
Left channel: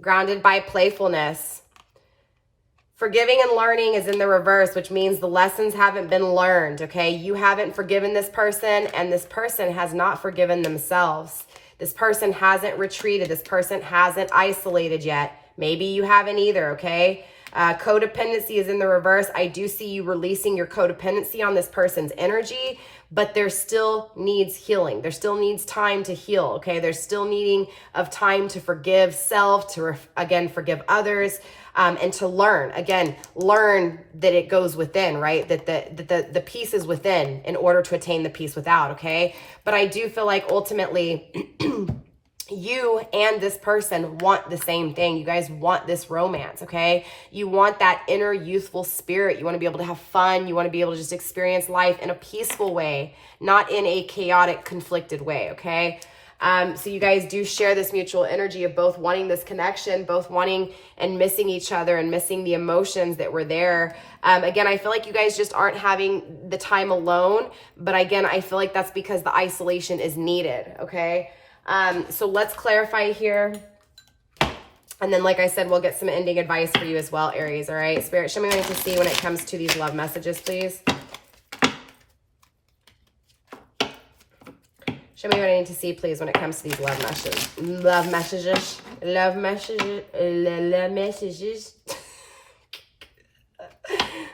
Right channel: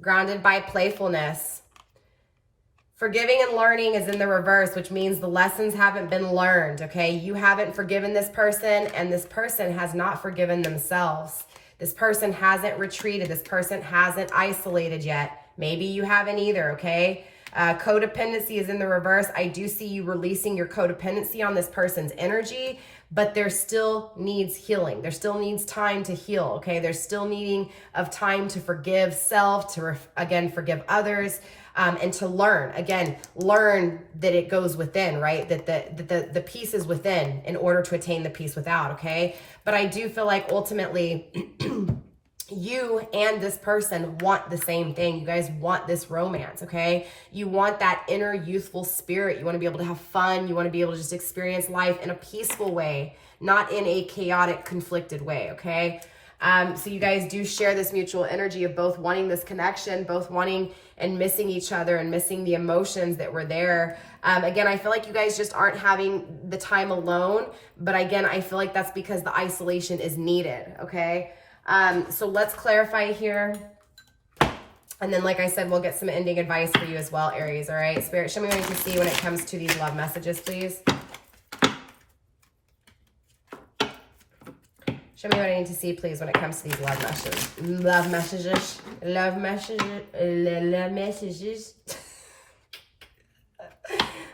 Grounded by playfulness. Forgiving and learning is in the reverse, which means the lessons haven't been learned, okay? You haven't forgiven this person, and this person has not forgiven themselves. This person hasn't retreated. This person hasn't isolated yet. Maybe you haven't either, okay? Codependency is in the reverse. I do see you releasing your codependency on this person's energy, but there still needs healing. There still needs time to heal, okay? There's still needing of time to forgive self, to, again, forgive others, and to learn. Again, learn that it goes within, right? That the peace is within in order to attain the peace without, okay? But I do feel like ultimately you and this person want the same thing. You guys want this romance, okay? You want that inner youthful spirit. You want to be able to have fun. You want to be able to just experience life in a peaceful way, not in a chaotic, conflicted way, okay? So you guys do share this mutual energy of both wanting this connection, both wanting and missing each other and missing the emotions that were there. Again, I feel like you guys just aren't having the time alone, but again, I feel like that's because the isolation is needed, okay? So let's clarify here. And then, like I said, we'll get some ending advice for you as well, Aries, all right? Spirit, show me what I need to see when it comes to these love messages, please. Show me what I need to see, please, when it comes to these love messages. Love messages. Love messages. Love messages.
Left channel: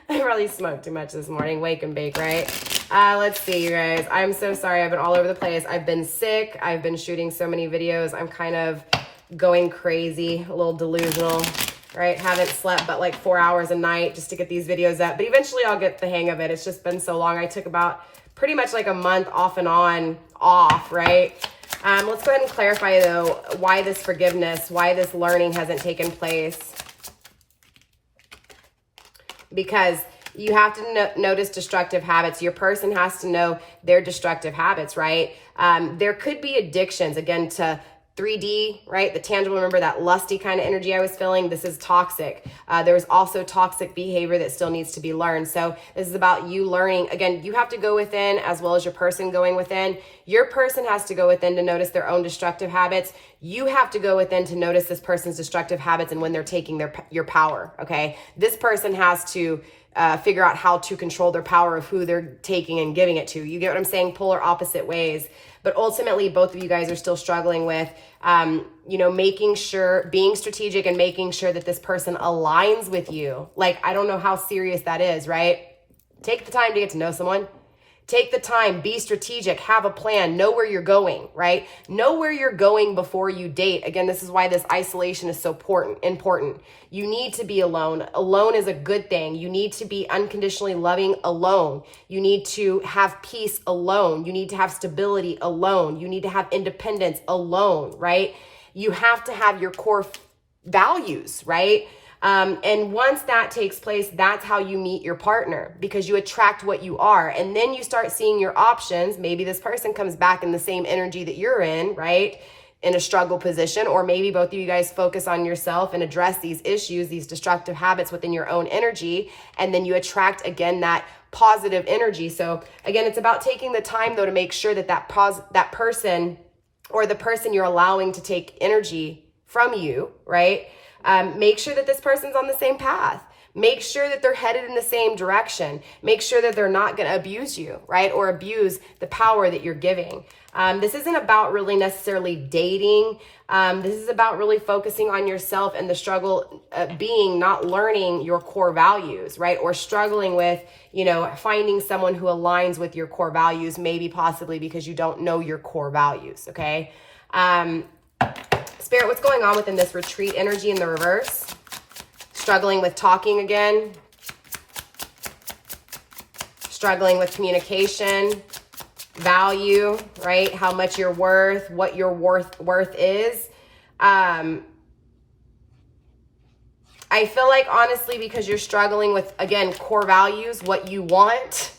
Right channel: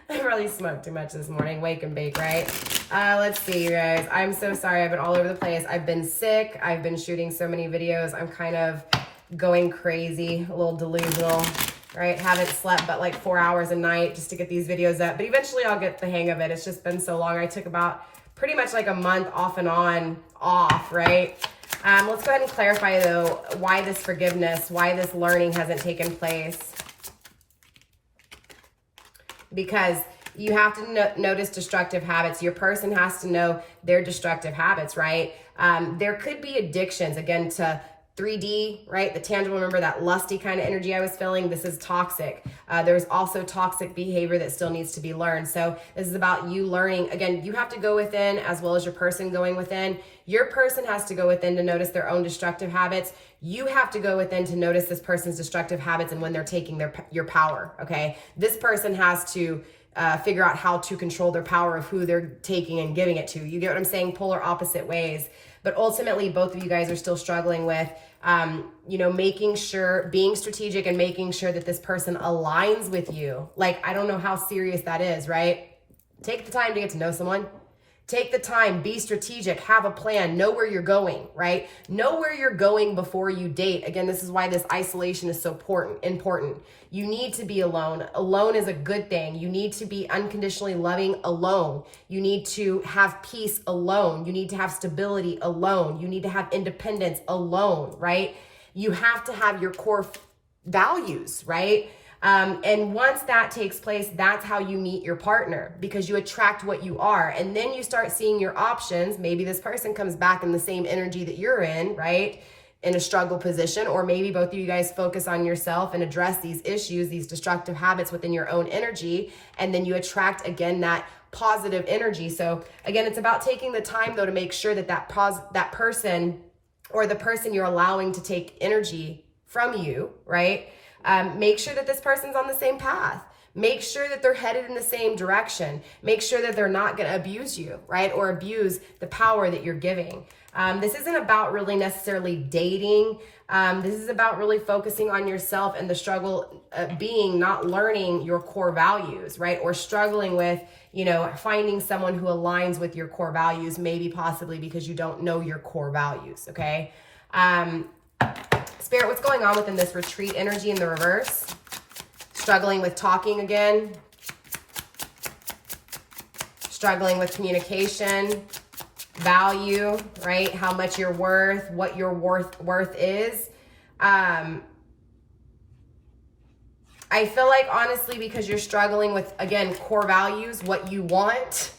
I really smoked too much this morning. Wake and bake, right? Let's see, you guys. I'm so sorry. I've been all over the place. I've been sick. I've been shooting so many videos. I'm kind of going crazy, a little delusional, right? Haven't slept but like 4 hours a night just to get these videos up. But eventually I'll get the hang of it. It's just been so long. I took about pretty much like a month off and on, off, right? Let's go ahead and clarify, though, why this forgiveness, why this learning hasn't taken place. Because you have to notice destructive habits. Your person has to know their destructive habits, right? There could be addictions, again, to 3D, right? The tangible, remember that lusty kind of energy I was feeling? This is toxic. There's also toxic behavior that still needs to be learned. So this is about you learning. Again, you have to go within as well as your person going within. Your person has to go within to notice their own destructive habits. You have to go within to notice this person's destructive habits and when they're taking your power, okay? This person has to figure out how to control their power of who they're taking and giving it to. You get what I'm saying? Polar opposite ways. But ultimately, both of you guys are still struggling with, making sure, being strategic and making sure that this person aligns with you. Like, I don't know how serious that is, right? Take the time to get to know someone. Take the time, be strategic, have a plan, know where you're going, right? Know where you're going before you date. Again, this is why this isolation is so important. You need to be alone. Alone is a good thing. You need to be unconditionally loving alone. You need to have peace alone. You need to have stability alone. You need to have independence alone, right? You have to have your core values, right? And once that takes place, that's how you meet your partner, because you attract what you are. And then you start seeing your options. Maybe this person comes back in the same energy that you're in, right? In a struggle position, or maybe both of you guys focus on yourself and address these issues, these destructive habits within your own energy. And then you attract, again, that positive energy. So again, it's about taking the time though to make sure that that person or the person you're allowing to take energy from you, right? Make sure that this person's on the same path. Make sure that they're headed in the same direction. Make sure that they're not going to abuse you, right? Or abuse the power that you're giving. This isn't about really necessarily dating. This is about really focusing on yourself and the struggle being not learning your core values, right? Or struggling with, you know, finding someone who aligns with your core values, maybe possibly because you don't know your core values, okay? Spirit, what's going on within this retreat energy in the reverse? Struggling with talking again. Struggling with communication. Value, right? How much you're worth, what your worth is. I feel like, honestly, because you're struggling with, again, core values, what you want,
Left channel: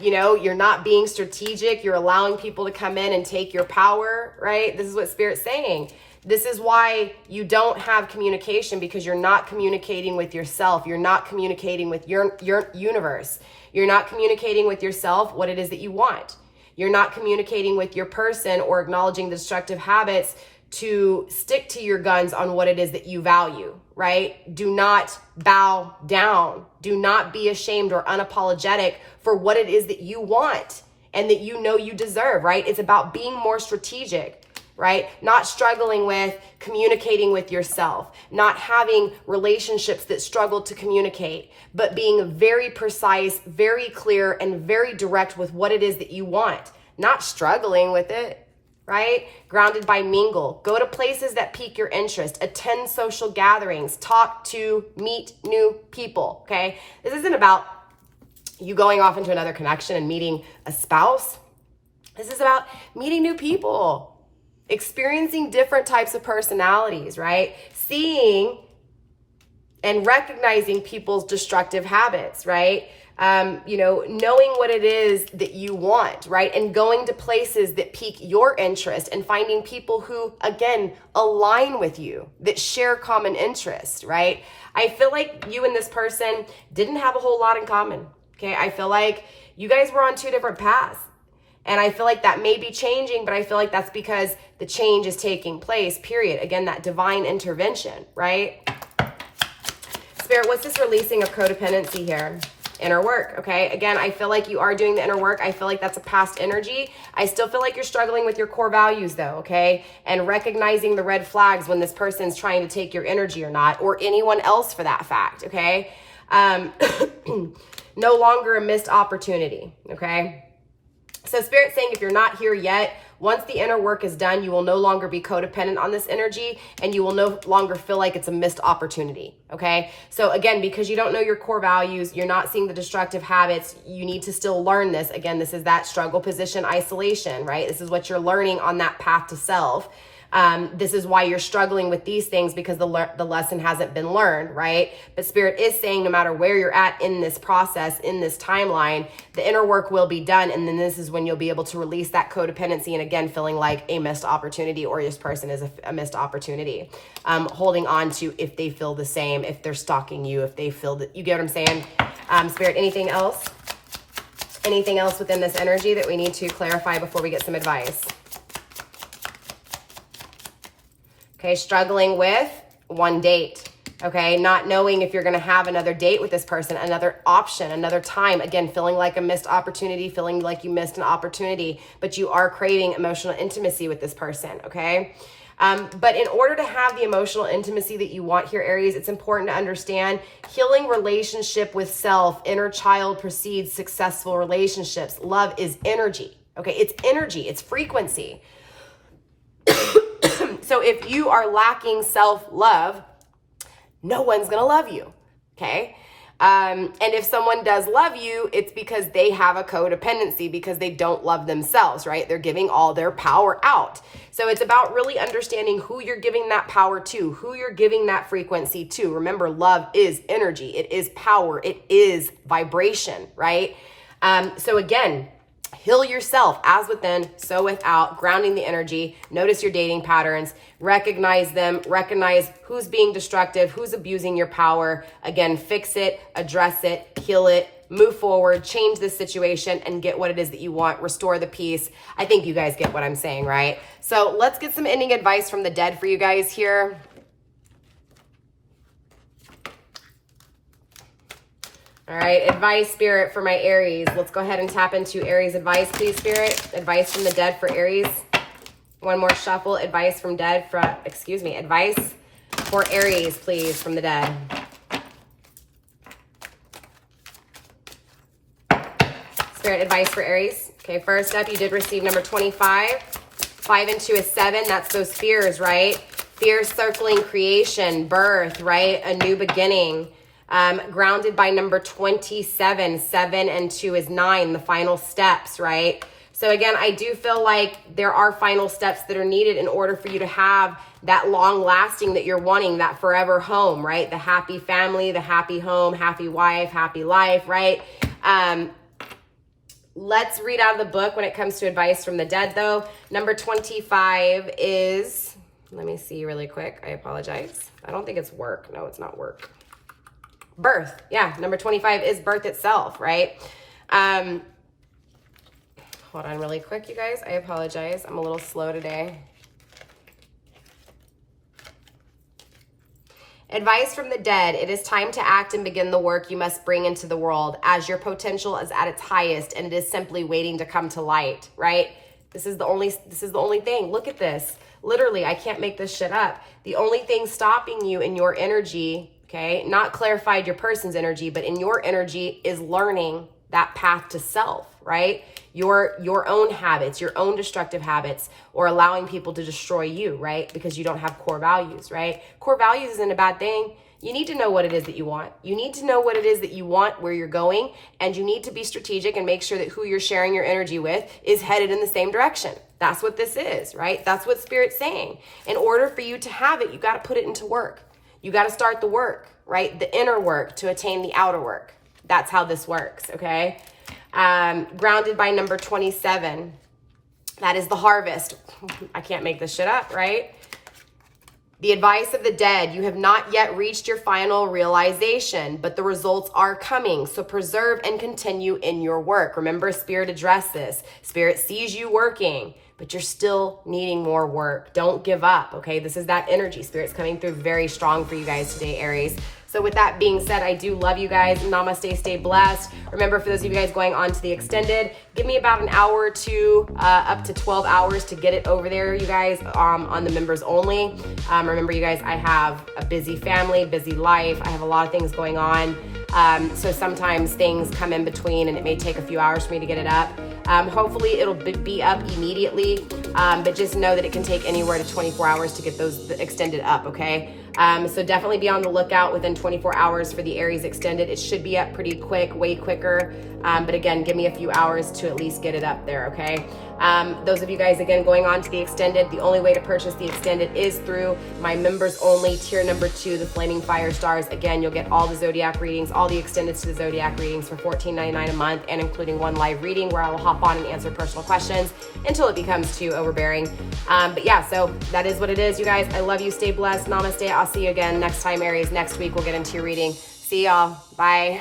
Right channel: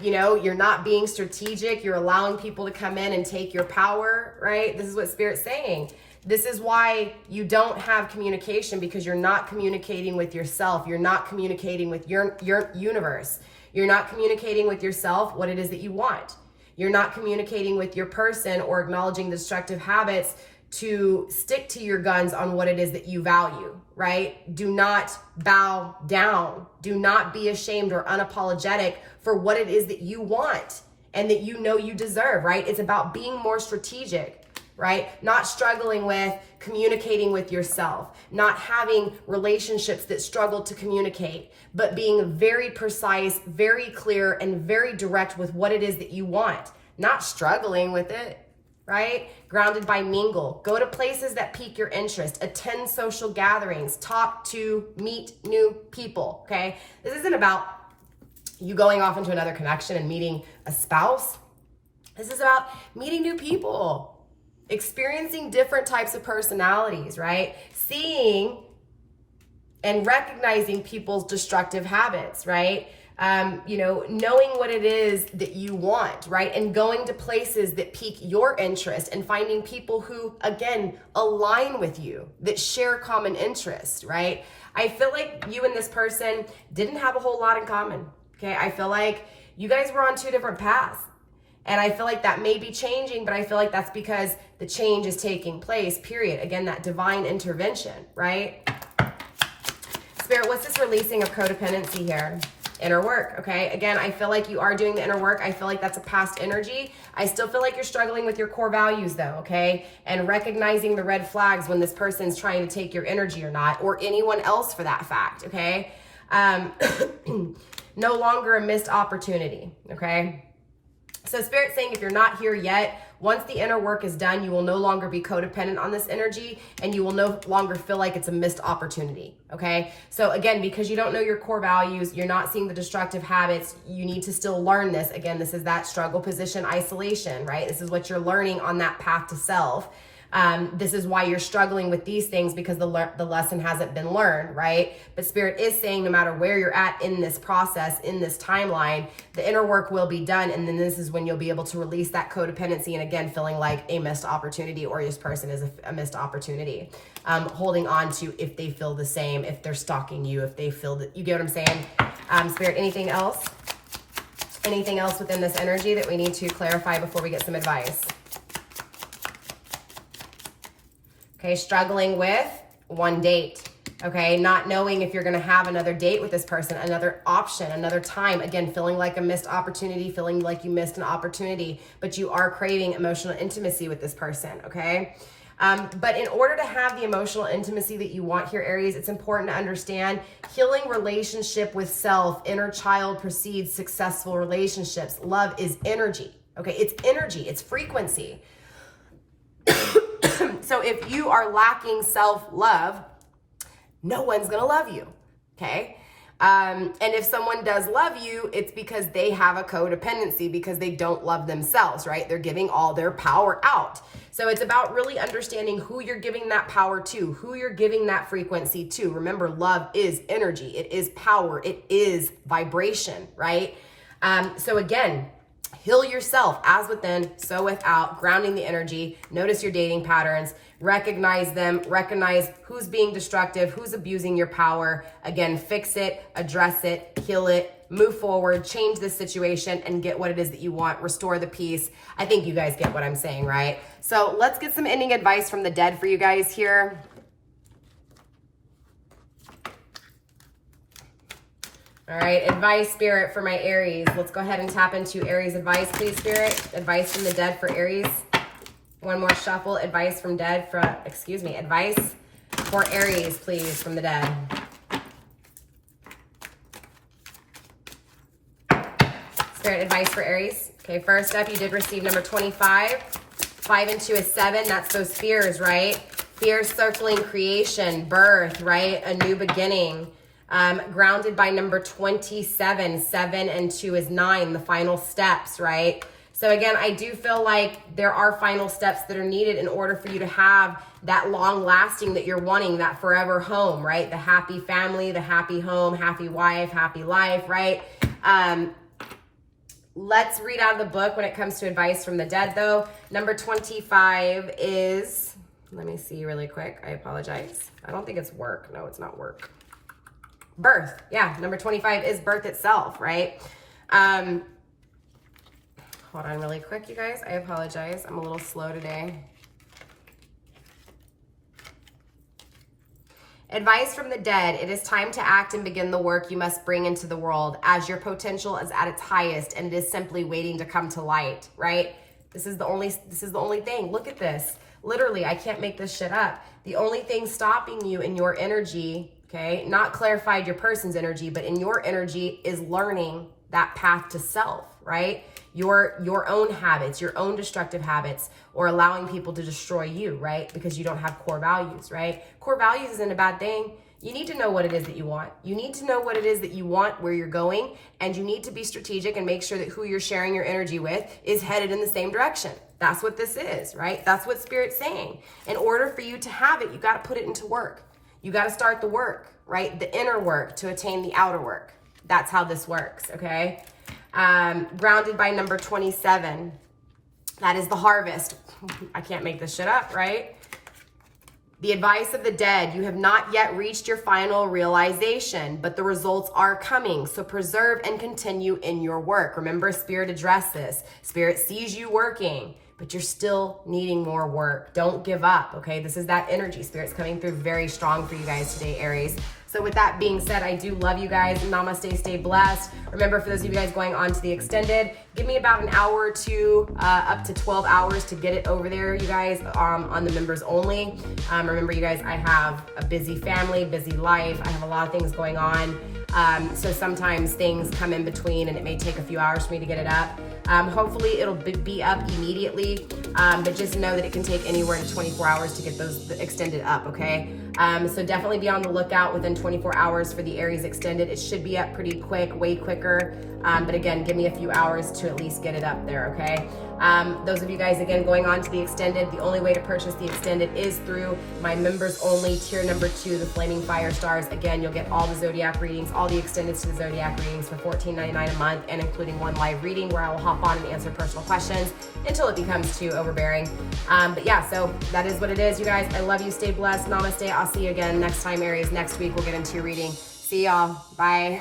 you know, you're not being strategic. You're allowing people to come in and take your power, right? This is what Spirit's saying. This is why you don't have communication, because you're not communicating with yourself. You're not communicating with your universe. You're not communicating with yourself what it is that you want. You're not communicating with your person or acknowledging the destructive habits to stick to your guns on what it is that you value, right? Do not bow down. Do not be ashamed or unapologetic for what it is that you want and that you know you deserve, right? It's about being more strategic, right? Not struggling with communicating with yourself, not having relationships that struggle to communicate, but being very precise, very clear, and very direct with what it is that you want, not struggling with it, right? Grounded by mingle. Go to places that pique your interest, attend social gatherings, talk to, meet new people, okay? This isn't about you going off into another connection and meeting a spouse. This is about meeting new people, experiencing different types of personalities, right? Seeing and recognizing people's destructive habits, right? You know, knowing what it is that you want, right? And going to places that pique your interest and finding people who, again, align with you, that share common interests, right? I feel like you and this person didn't have a whole lot in common, okay? I feel like you guys were on two different paths. And I feel like that may be changing, but I feel like that's because the change is taking place, period. Again, that divine intervention, right? Spirit, what's this releasing of codependency here? Inner work, okay? Again, I feel like you are doing the inner work. I feel like that's a past energy. I still feel like you're struggling with your core values though, okay? And recognizing the red flags when this person's trying to take your energy or not, or anyone else for that fact, okay? No longer a missed opportunity, okay? So Spirit's saying if you're not here yet, once the inner work is done, you will no longer be codependent on this energy and you will no longer feel like it's a missed opportunity, okay? So again, because you don't know your core values, you're not seeing the destructive habits, you need to still learn this. Again, this is that struggle position isolation, right? This is what you're learning on that path to self. This is why you're struggling with these things, because the lesson hasn't been learned, right? But Spirit is saying no matter where you're at in this process, in this timeline, the inner work will be done. And then this is when you'll be able to release that codependency and again, feeling like a missed opportunity or this person is a missed opportunity. Holding on to if they feel the same, if they're stalking you, if they feel that, you get what I'm saying? Spirit, anything else? Anything else within this energy that we need to clarify before we get some advice? Okay, struggling with one date, okay? Not knowing if you're gonna have another date with this person, another option, another time. Again, feeling like a missed opportunity, feeling like you missed an opportunity, but you are craving emotional intimacy with this person, okay? But in order to have the emotional intimacy that you want here, Aries, it's important to understand healing relationship with self, inner child precedes successful relationships. Love is energy, okay? It's energy, it's frequency. So if you are lacking self-love, no one's gonna love you, okay? And if someone does love you, it's because they have a codependency, because they don't love themselves, right? They're giving all their power out. So it's about really understanding who you're giving that power to, who you're giving that frequency to. Remember, love is energy. It is power. It is vibration, right? So again, heal yourself as within, so without, grounding the energy. Notice your dating patterns, recognize them, recognize who's being destructive, who's abusing your power. Again, fix it, address it, heal it, move forward, change this situation and get what it is that you want, restore the peace. I think you guys get what I'm saying, right? So let's get some ending advice from the dead for you guys here. All right, advice, Spirit, for my Aries. Let's go ahead and tap into Aries advice, please, Spirit. Advice from the dead for Aries. One more shuffle. Advice from dead for, advice for Aries, please, from the dead. Spirit, advice for Aries. Okay, first up, you did receive number 25. 5 and 2 is 7. That's those fears, right? Fears circling creation, birth, right? A new beginning. Grounded by number 27. 7 and 2 is 9, the final steps, right? So again, I do feel like there are final steps that are needed in order for you to have that long lasting that you're wanting, that forever home, right? The happy family, the happy home, happy wife, happy life, right? Let's read out of the book when it comes to advice from the dead, though. Number 25 is, let me see really quick. I apologize. I don't think it's work. No, it's not work. Birth. Yeah, number 25 is birth itself, right? Hold on really quick, you guys. I apologize. I'm a little slow today. Advice from the dead. It is time to act and begin the work you must bring into the world as your potential is at its highest and it is simply waiting to come to light, right? This is the only thing. Look at this. Literally, I can't make this shit up. The only thing stopping you in your energy, okay, not clarified your person's energy, but in your energy is learning that path to self, right? Your own habits, your own destructive habits, or allowing people to destroy you, right? Because you don't have core values, right? Core values isn't a bad thing. You need to know what it is that you want. You need to know what it is that you want, where you're going, and you need to be strategic and make sure that who you're sharing your energy with is headed in the same direction. That's what this is, right? That's what Spirit's saying. In order for you to have it, you got to put it into work. You got to start the work, right? The inner work to attain the outer work. That's how this works, okay? Grounded by number 27. That is the harvest. I can't make this shit up, right? The advice of the dead. You have not yet reached your final realization, but the results are coming. So preserve and continue in your work. Remember, Spirit addressed this. Spirit sees you working, but you're still needing more work. Don't give up, okay? This is that energy. Spirit's coming through very strong for you guys today, Aries. So with that being said, I do love you guys. Namaste, stay blessed. Remember, for those of you guys going on to the extended, give me about an hour or two, up to 12 hours to get it over there, you guys, on the members only. Remember, you guys, I have a busy family, busy life. I have a lot of things going on. So sometimes things come in between and it may take a few hours for me to get it up. Hopefully it'll be up immediately, but just know that it can take anywhere to 24 hours to get those extended up, okay? So definitely be on the lookout within 24 hours for the Aries extended. It should be up pretty quick, way quicker. But again, give me a few hours to at least get it up there, okay? Those of you guys, again, going on to the extended, the only way to purchase the extended is through my members only tier number 2, the Flaming Fire Stars. Again, you'll get all the Zodiac readings, all the extendeds to the Zodiac readings for $14.99 a month, and including one live reading where I will hop on and answer personal questions until it becomes too overbearing. But yeah, so that is what it is, you guys. I love you. Stay blessed. Namaste. I'll see you again next time, Aries. Next week, we'll get into your reading. See y'all. Bye.